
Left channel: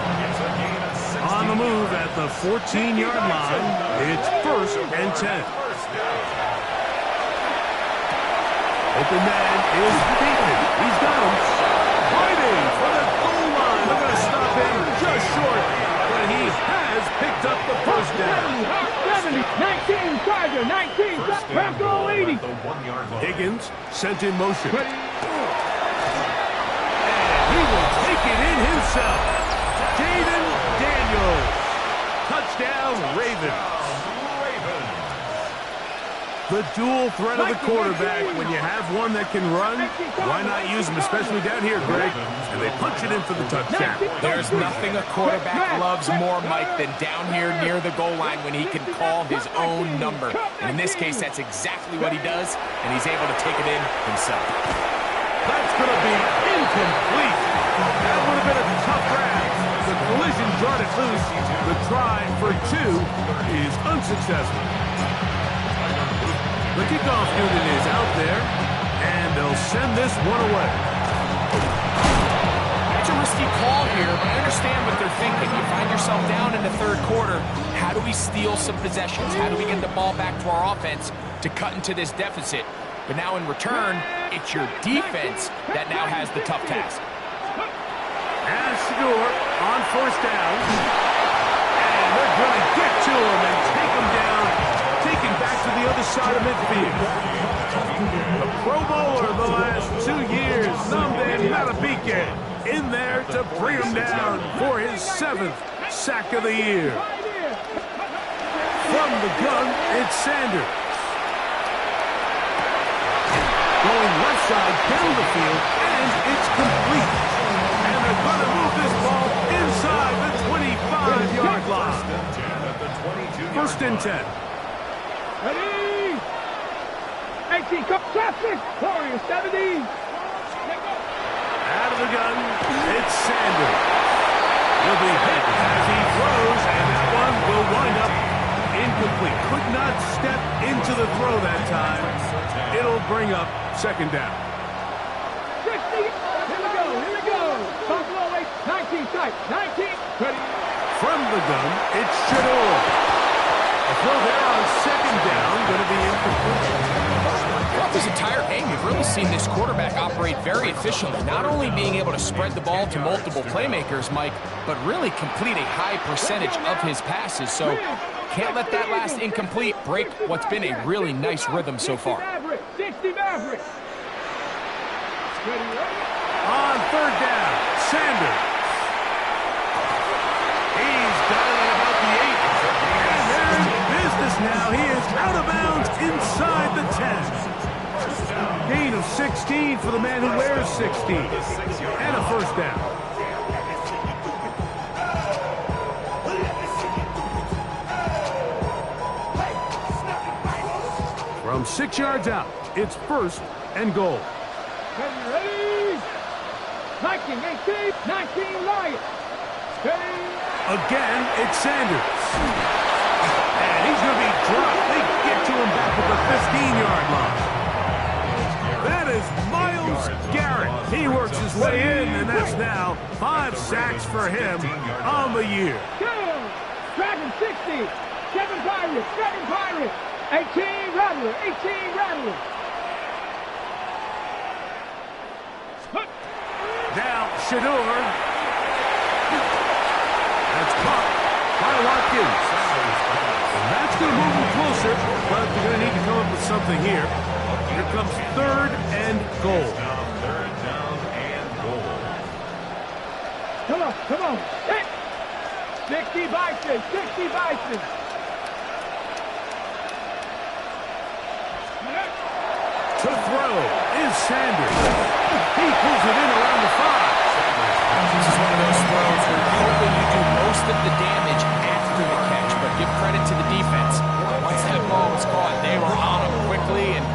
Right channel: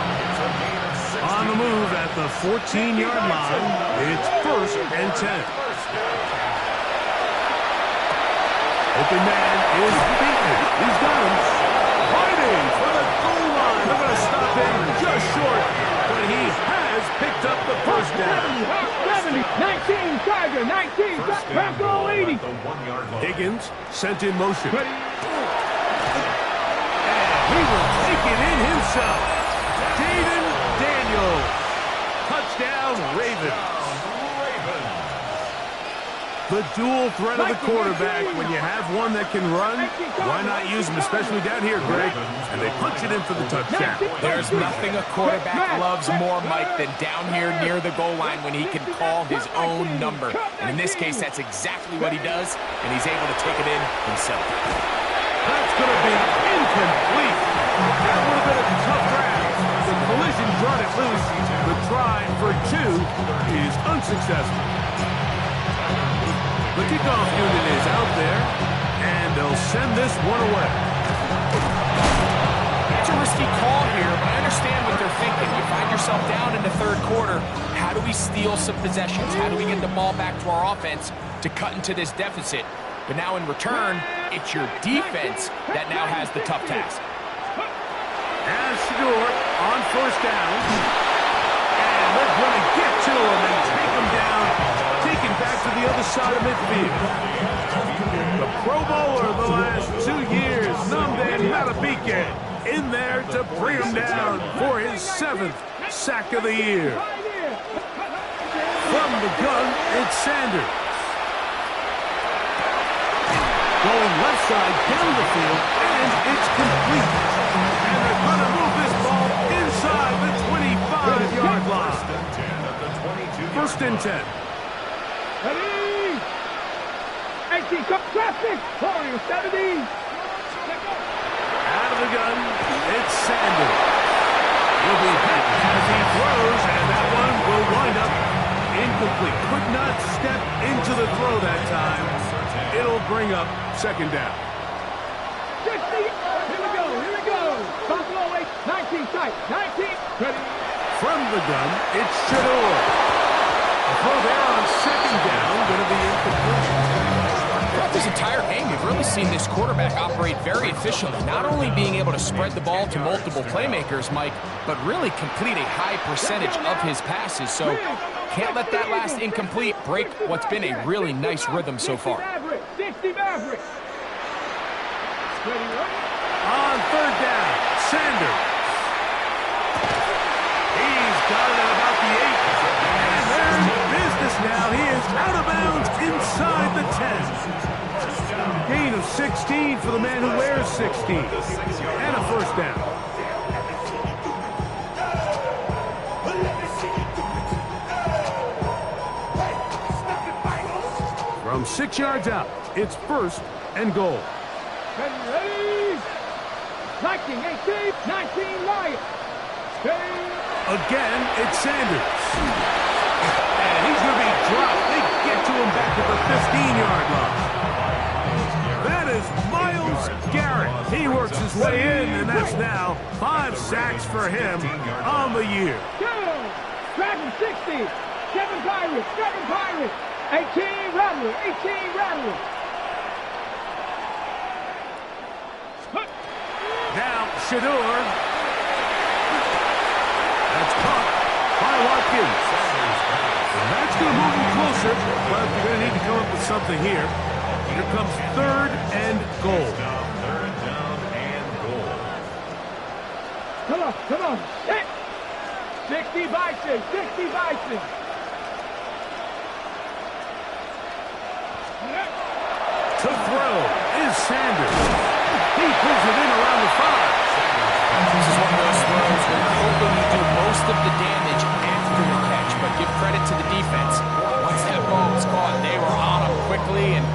On the move at the 14-yard line, it's first and 10. Open man is Bateman. He's got him. Fighting for the goal line. They're going to stop him just short, but he has picked up the first down. 70, 19, Charger, 19, Bronco 80. Higgins sent in motion. And he will take it in himself. Jaden Daniels. Touchdown, Ravens. The dual threat of the quarterback. When you have one that can run, why not use him, especially down here, Greg? And they punch it in for the touchdown. There's nothing a quarterback loves more, Mike, than down here near the goal line when he can call his own number. And in this case, that's exactly what he does, and he's able to take it in himself. That's going to be incomplete. That would have been a tough grab. The collision brought it loose. The try for 2 is unsuccessful. The kickoff unit is out there, and they'll send this one away. That's a risky call here, but I understand what they're thinking. You find yourself down in the third quarter. How do we steal some possessions? How do we get the ball back to our offense to cut into this deficit? But now in return, it's your defense that now has the tough task. And Shador on first down. And they're going to get to him and take him down, take him back to the other side of midfield. The Pro Bowler the last 2 years, Nnamdi Madubuike, in there to bring him down for his 7th sack of the year. From the gun, it's Sanders. Going left side down the field, and it's complete. And they're going to move this ball inside the 25-yard line. First and 10. Ready? 18, traffic, Warriors 70. Out of the gun, it's Sanders. He'll be hit as he throws, and that one will wind up incomplete. Could not step into the throw that time. It'll bring up second down. 60. Here we go. Buffalo 8, 19 tight, 19. Ready? From the gun, it's Shador. A throw there on second down, going to be incomplete. Throughout this entire game, we've really seen this quarterback operate very efficiently, not only being able to spread the ball to multiple playmakers, Mike, but really complete a high percentage of his passes. So can't let that last incomplete break what's been a really nice rhythm so far. 60 Mavericks. On third down, Sanders. He's got it at about the 8. And they're in business now. He is out of bounds inside the 10. Gain of 16 for the man who wears 16. And a first down. From 6 yards out, it's first and goal. Ready? 19, 18, 19 Lions. Again, it's Sanders. And he's going to be dropped. They get to him back at the 15-yard line. That is Myles Garrett. He works his way in, and that's now 5 sacks for him on the year. Dragon 60. 7 Pirates. 18 Rattler. Now, Shador. That's caught by Watkins. And that's going to move him closer, but they're going to need to come up with something here. Here comes third and goal. Third down and goal. Come on. 60 Bison. To throw is Sanders. He pulls it in around the 5. This is one of those throws where you're hoping you do most of the damage after the catch, but give credit to the defense. Once that ball was caught, they were on him quickly, and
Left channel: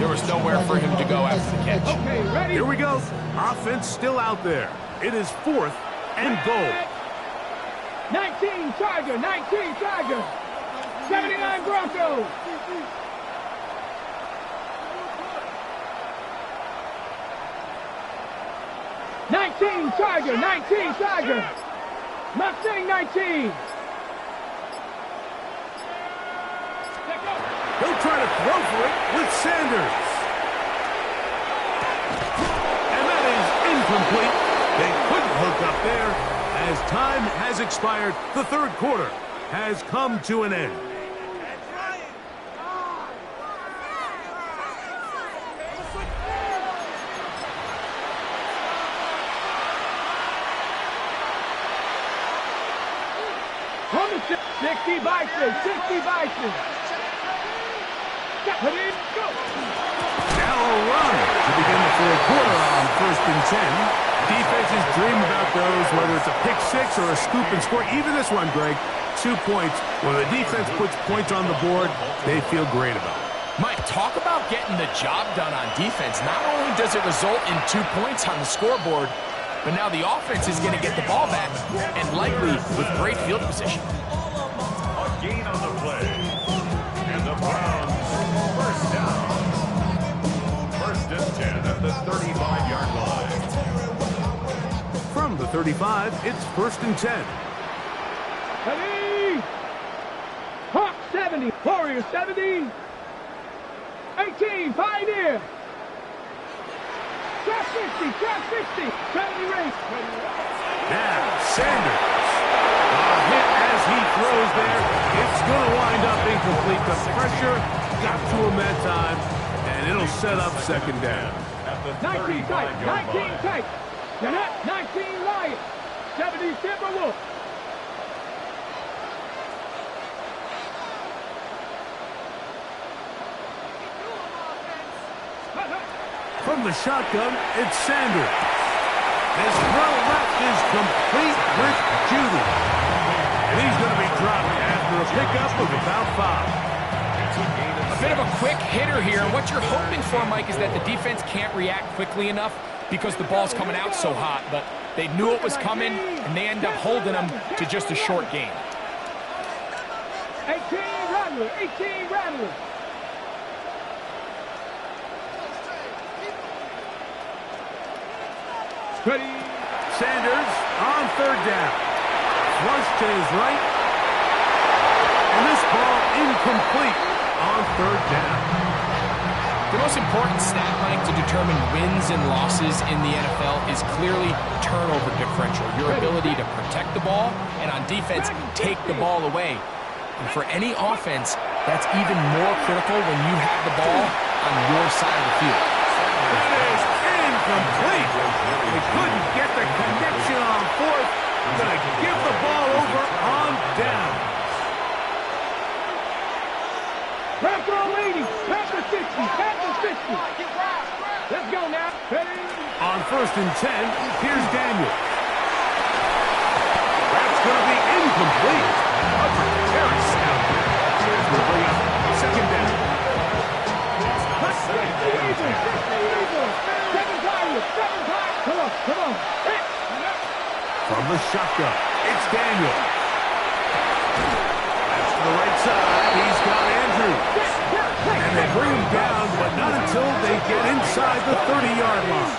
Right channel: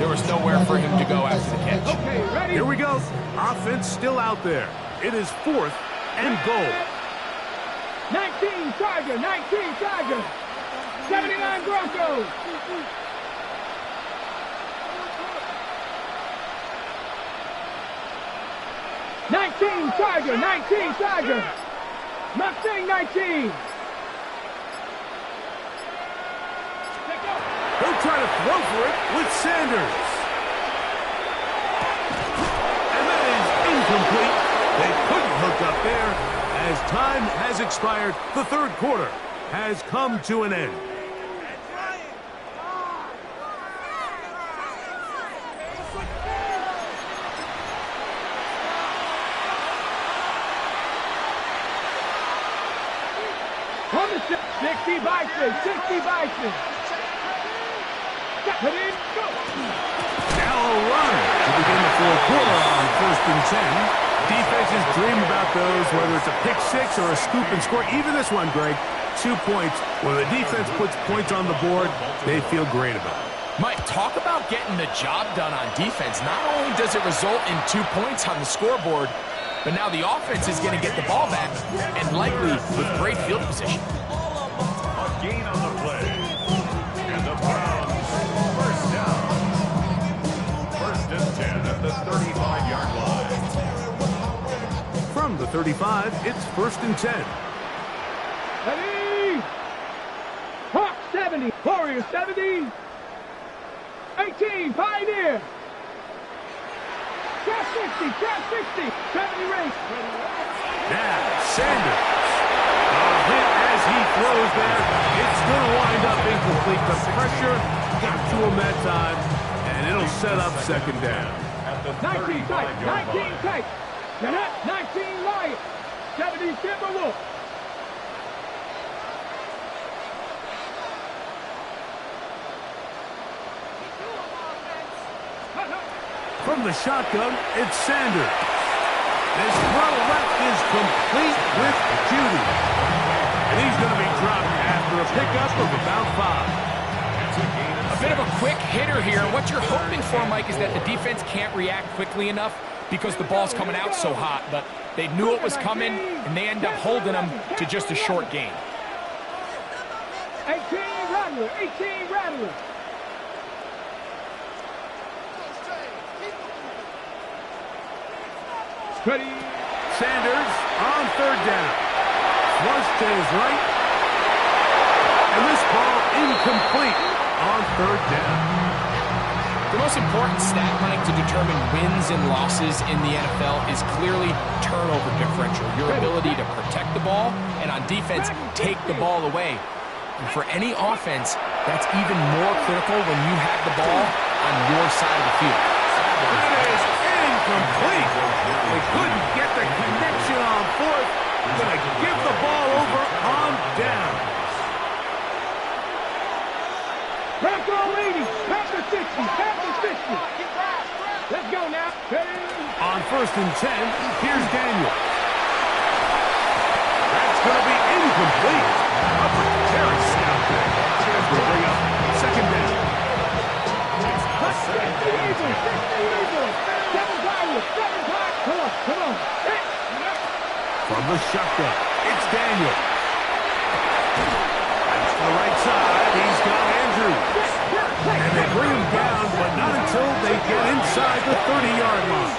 there was nowhere for him to go after the catch. Okay, ready? Here we go. Offense still out there. It is fourth and goal. 19 Tiger. 79 Broncos. Tiger. Mustang 19. He'll try to throw for it with Sanders. And that is incomplete. They couldn't hook up there as time has expired. The third quarter has come to an end. From the 60 Bison. Go. Now a run to begin the fourth quarter on first and 10. Defenses dream about those, whether it's a pick 6 or a scoop and score. Even this one, Greg, 2 points. When the defense puts points on the board, they feel great about it. Mike, talk about getting the job done on defense. Not only does it result in 2 points on the scoreboard, but now the offense is going to get the ball back, and likely with great field position. A gain on the play. And the Browns, first down. First and 10 at the 35-yard line. From the 35, it's first and 10. Ready? Hawk 70. Warriors 70. 18 Pioneer. Trap 60, trap 60. 70 rings. Now, Sanders. Hit as he throws there. It's going to wind up incomplete. The pressure got to him that time, and it'll set up second down. At the 19 tight, 19 line. tight. Jeanette, 19 Lions. 70 Timberwolves. From the shotgun, it's Sanders. His throw left is complete with Judy. And he's going to be dropped after a pickup of about 5. It's a gain of A bit of a 6. quick hitter here. What you're hoping for, Mike, is that the defense can't react quickly enough because the ball's coming out so hot. But they knew it was coming, and they end up holding them to just a short gain. 18 Rattler, 18 Rattler. Ready. Sanders on third down. Flush to his right. And this ball incomplete on third down. The most important stat, Mike, to determine wins and losses in the NFL is clearly turnover differential, your ability to protect the ball, and on defense, take the ball away. And for any offense, that's even more critical when you have the ball on your side of the field. That is incomplete. They couldn't get the connection on fourth. Going to give the ball over on down. Bronco leading. Panther 60. Panther 60. Let's go now. Ready. On first and 10, here's Daniel. That's going to be incomplete. Terry Stout there. As we bring up second down. 60 Eagles. 60 Eagles. 7 Tigers. 7 Tigers. Come on. Come on. Hit. From the shotgun, it's Daniel. That's to the right side. He's got Andrews. And they bring him down, but not until they get inside the 30-yard line.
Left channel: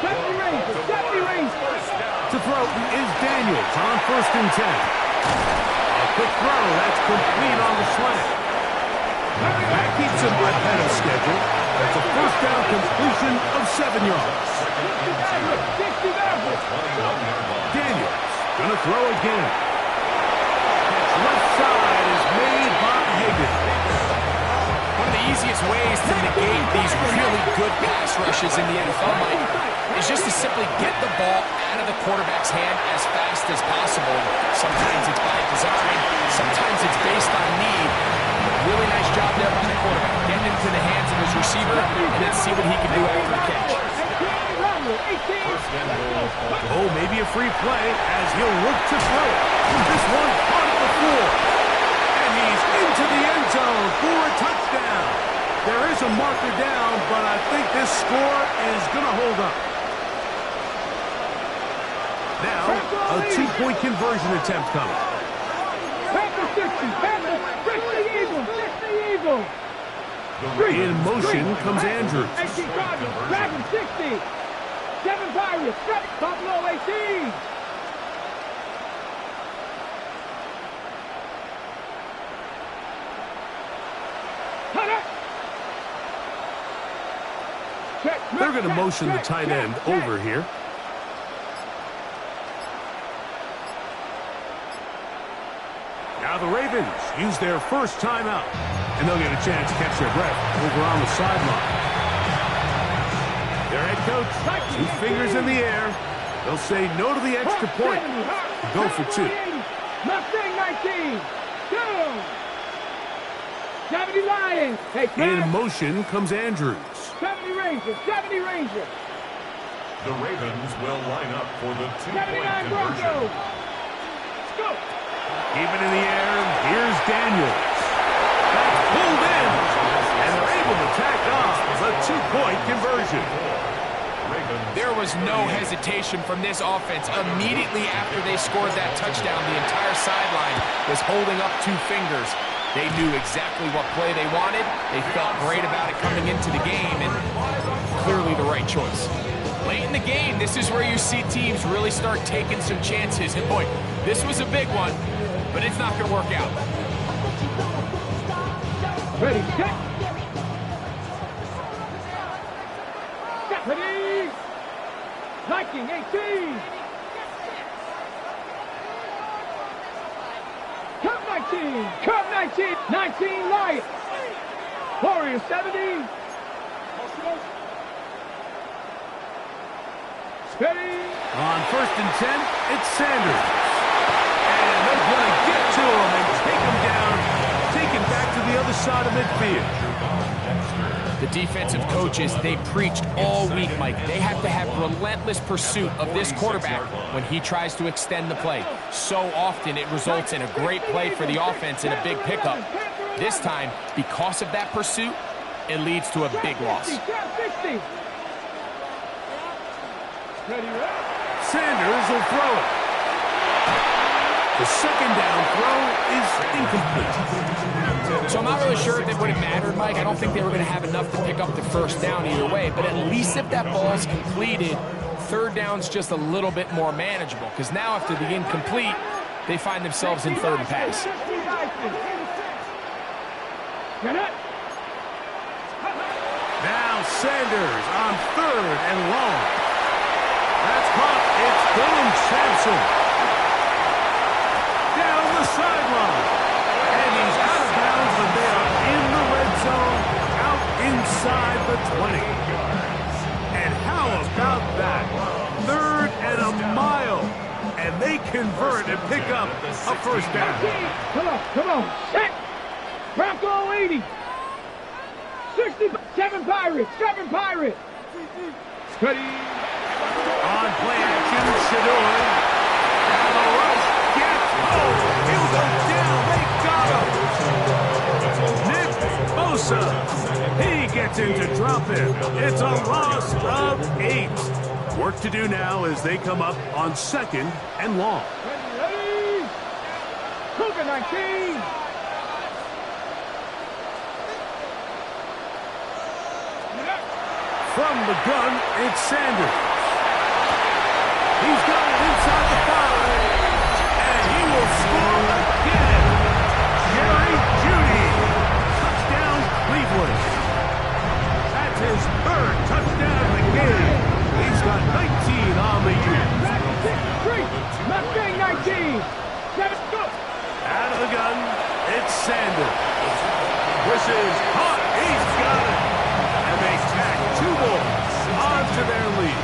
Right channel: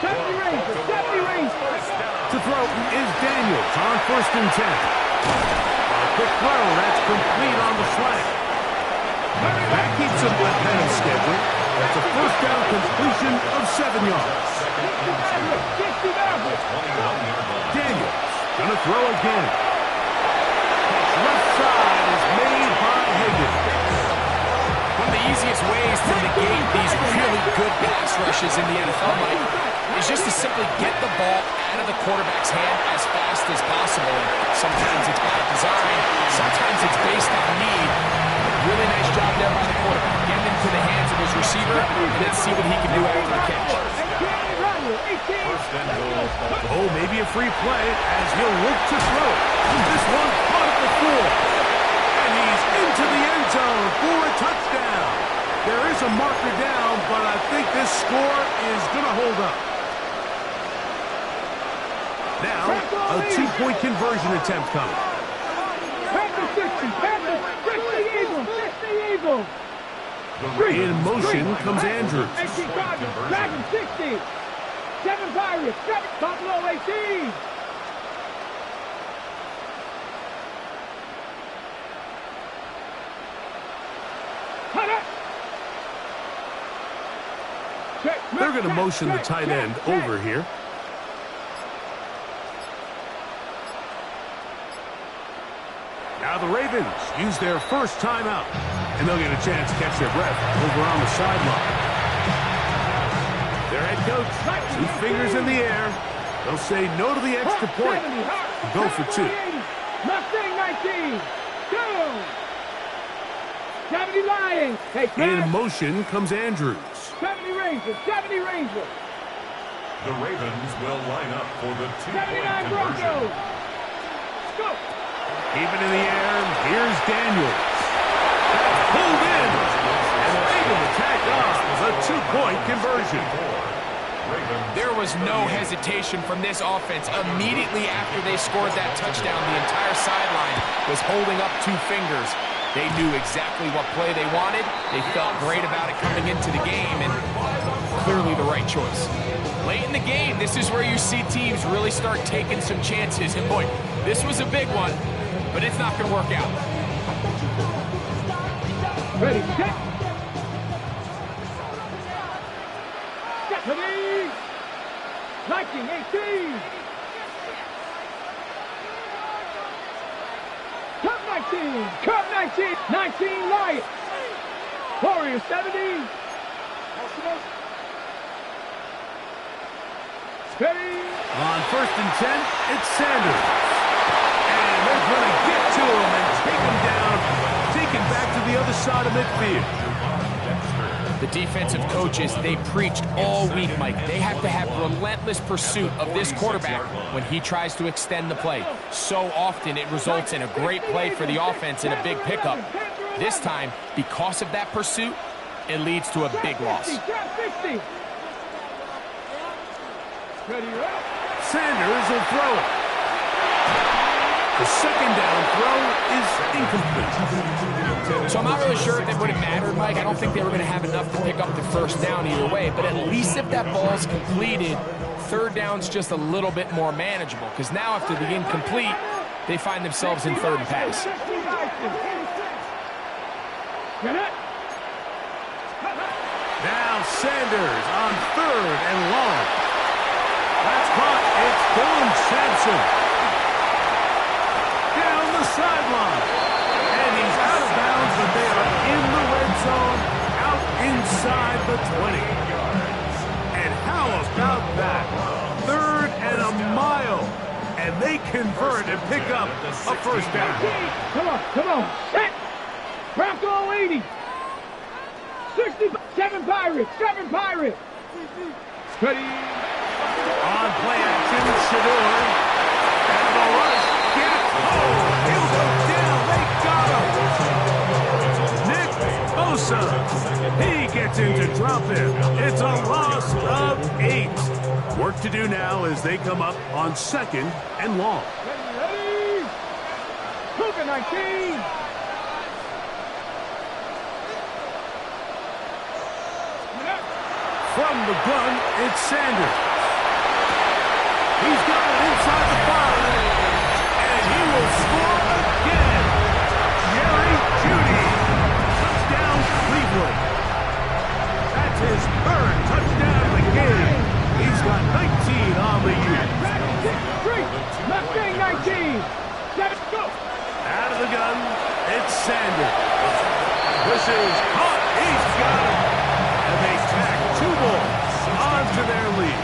70 Rangers. 70 Rangers. To throw is Daniels on first and 10. A quick throw, that's complete on the slant. That keeps him ahead of schedule. That's a first down completion of 7 yards. 60 Mavericks. Daniels gonna throw again. Catch left side is made by Higgins. One of the easiest ways to negate these really good pass rushes in the NFL, Mike, is just to simply get the ball out of the quarterback's hand as fast as possible. Sometimes it's by design, sometimes it's based on need. Really nice job there by the quarterback, getting into the hands of his receiver, and then see what he can do after the catch. Oh, maybe a free play as he'll look to throw it. This one caught at the floor. And he's into the end zone for a touchdown. There is a marker down, but I think this score is going to hold up. Now, a two-point conversion attempt coming. Panther 60, Panther 60 Eagles, 60 Eagles. In motion comes Andrews. 18 Chargers, Dragon 60. 7 Pirates, 7 Buffalo 18. They're going to motion the tight end over here. Now the Ravens use their first timeout, and they'll get a chance to catch their breath over on the sideline. Their head coach, 2 fingers in the air. They'll say no to the extra point. Go for 2. Mustang 19. 2. 70 Lions. In motion comes Andrews. 70 Rangers. 70 Rangers. The Ravens will line up for the 2-point 79 conversion. Broncos. Scoop. Keep it in the air. Here's Daniels. That's pulled in. And they're able to tack on the 2-point conversion. There was no hesitation from this offense. Immediately after they scored that touchdown, the entire sideline was holding up 2 fingers. They knew exactly what play they wanted. They felt great about it coming into the game, and clearly the right choice. Late in the game, this is where you see teams really start taking some chances. And boy, this was a big one, but it's not going to work out. Ready, set. Ready? 19-18. Cut 19. Cut 19. 19 light. Warriors 70. Ready? On 1st and 10, it's Sanders. And they're going to get to him and take him down, taken back to the other side of midfield. The defensive coaches, they preached all week, Mike. They have to have relentless pursuit of this quarterback when he tries to extend the play. So often it results in a great play for the offense and a big pickup. This time, because of that pursuit, it leads to a big loss. Sanders will throw it. The second down throw is incomplete. So I'm not really sure if it would have mattered, Mike. I don't think they were going to have enough to pick up the first down either way. But at least if that ball's completed, third down's just a little bit more manageable. Because now after the incomplete, they find themselves in third and pass. Now Sanders on 3rd and long. That's caught. It's Dylan Sampson. Down the sideline. And he's out of bounds, but they are in the red zone, out inside the 20. And how about that? 3rd and a mile. And they convert and pick up a first down. Come on. Set. Bronco 80. 7 Pirates. Ready? On play action, Shador. And the rush gets home. He'll go down. They got him. Nick Bosa. He gets in to drop him. It's a loss of 8. Work to do now as they come up on 2nd and long. Ready? Cougar 19. From the gun, it's Sanders. He's got it inside the 5. And he will score again. Jerry Jeudy. Touchdown, Cleveland. That's his 3rd touchdown of the game. He's got 19 on the year. Mustang 19. 7, go. Out of the gun, it's Sanders. This is caught. He's got it. And they tack 2 balls onto their lead.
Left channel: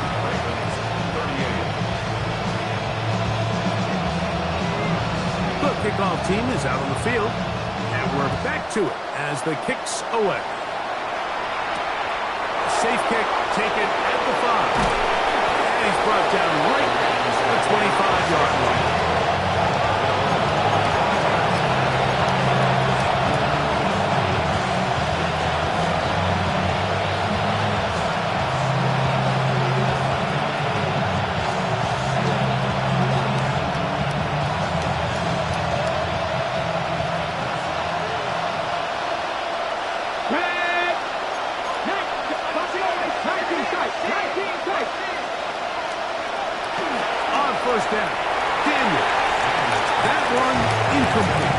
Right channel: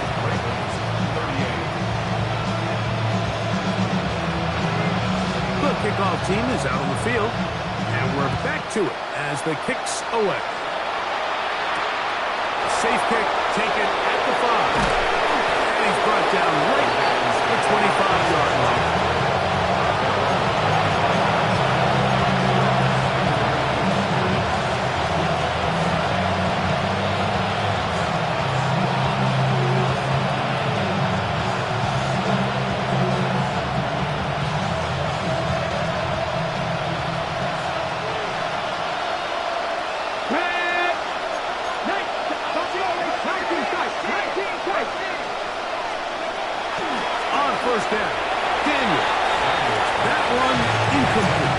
The kickoff team is out on the field, and we're back to it as the kick's away. A safe kick taken at the 5, and he's brought down right at the 25-yard line. On 1st down, Daniel. That one incomplete.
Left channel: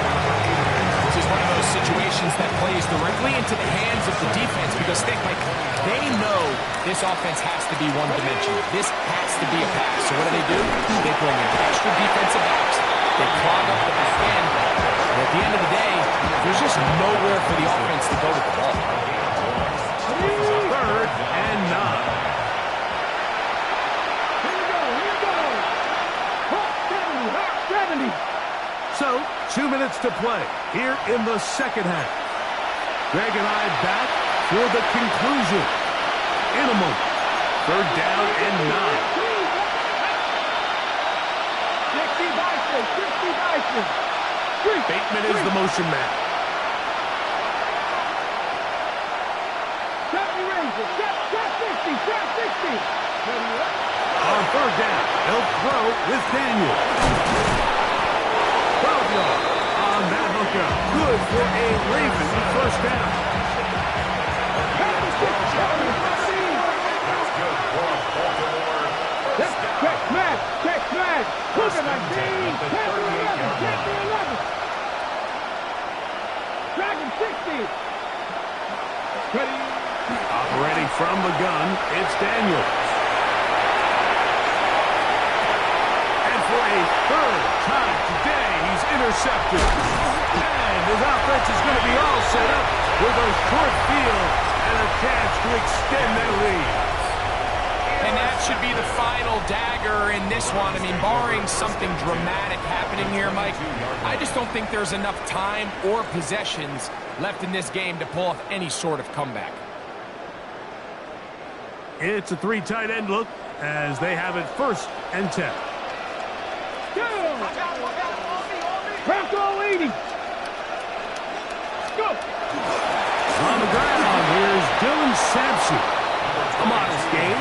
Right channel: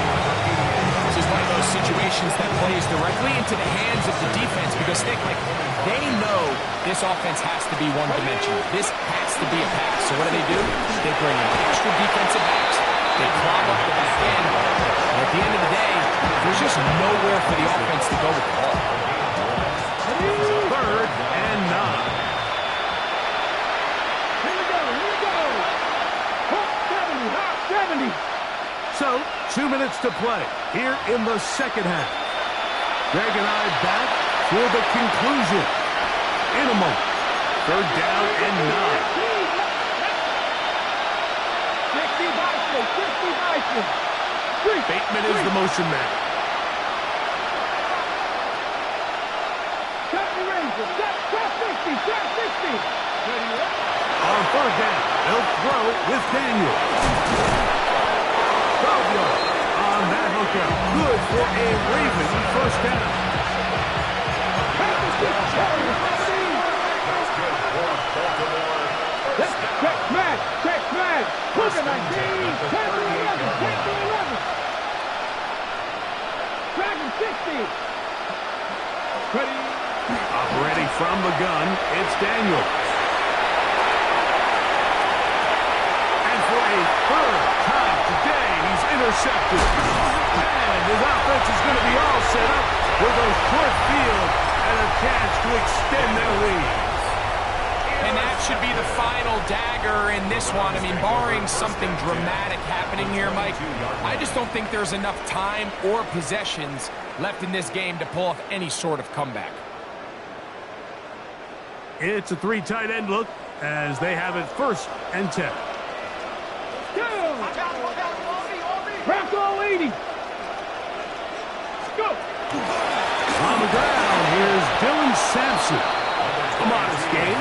This is one of those situations that plays directly into the hands of the defense because, think, like, they know this offense has to be one-dimensional. This has to be a pass. So what do? They bring in extra defensive backs. They clog up the back end. And at the end of the day, there's just nowhere for the offense to go with the ball. 3rd and 9. Hawk 70. So, 2 minutes to play here in the second half. Greg and I back for the conclusion in a moment. 3rd down and 9. 60 Bison. Bateman is the motion man. 70 Rangers. 60. On 3rd down, they'll throw with Daniel. 12 yards on that hookup. Good for a Raven first down. That's good for Baltimore. Check smash. Cougar 19. 10 to 11. Dragon 60. Ready. Operating from the gun, it's Daniels. And for a third time today, he's intercepted. And his offense is going to be all set up with a short field and a chance to extend their lead. And that should be the final dagger in this one. I mean, barring something dramatic happening here, Mike, I just don't think there's enough time or possessions left in this game to pull off any sort of comeback. It's a 3 tight end look as they have it 1st and 10. Bronco 80. Go. On the ground, here's Dylan Sampson. A modest gain,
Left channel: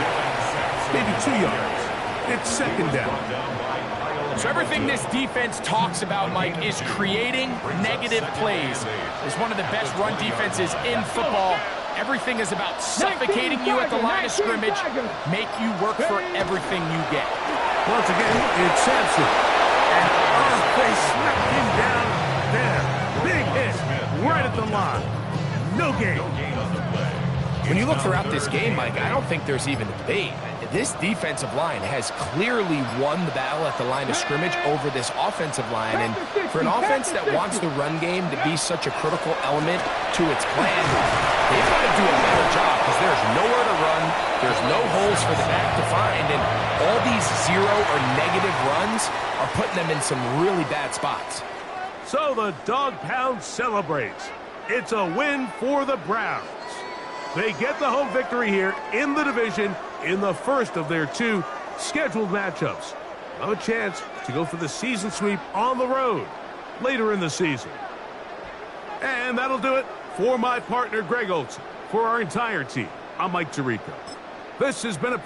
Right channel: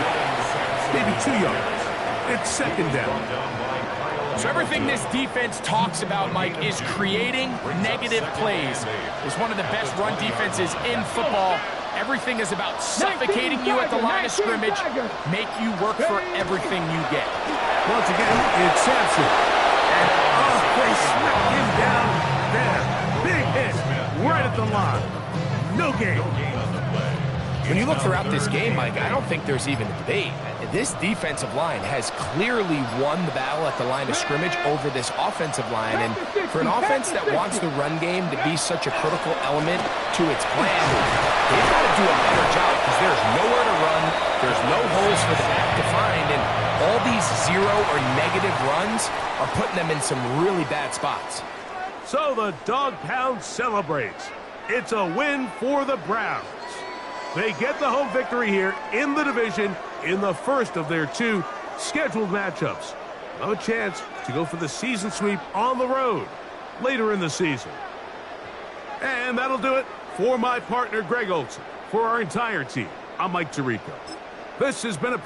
maybe 2 yards. It's 2nd down. So everything this defense talks about, Mike, is creating negative plays. It's one of the best run defenses in football. Everything is about suffocating you at the line of scrimmage, make you work for everything you get. Once again, it's Sampson. And they smacked him down there. Big hit right at the line. No gain. When you look throughout this game, Mike, I don't think there's even a debate. This defensive line has clearly won the battle at the line of scrimmage over this offensive line. And for an offense that wants the run game to be such a critical element to its plan, they've got to do a better job because there's nowhere to run. There's no holes for the back to find. And all these 0 or negative runs are putting them in some really bad spots. So the Dog Pound celebrates. It's a win for the Browns. They get the home victory here in the division in the first of their 2 scheduled matchups. No chance to go for the season sweep on the road later in the season. And that'll do it for my partner, Greg Olson. For our entire team, I'm Mike Tirico. This has been a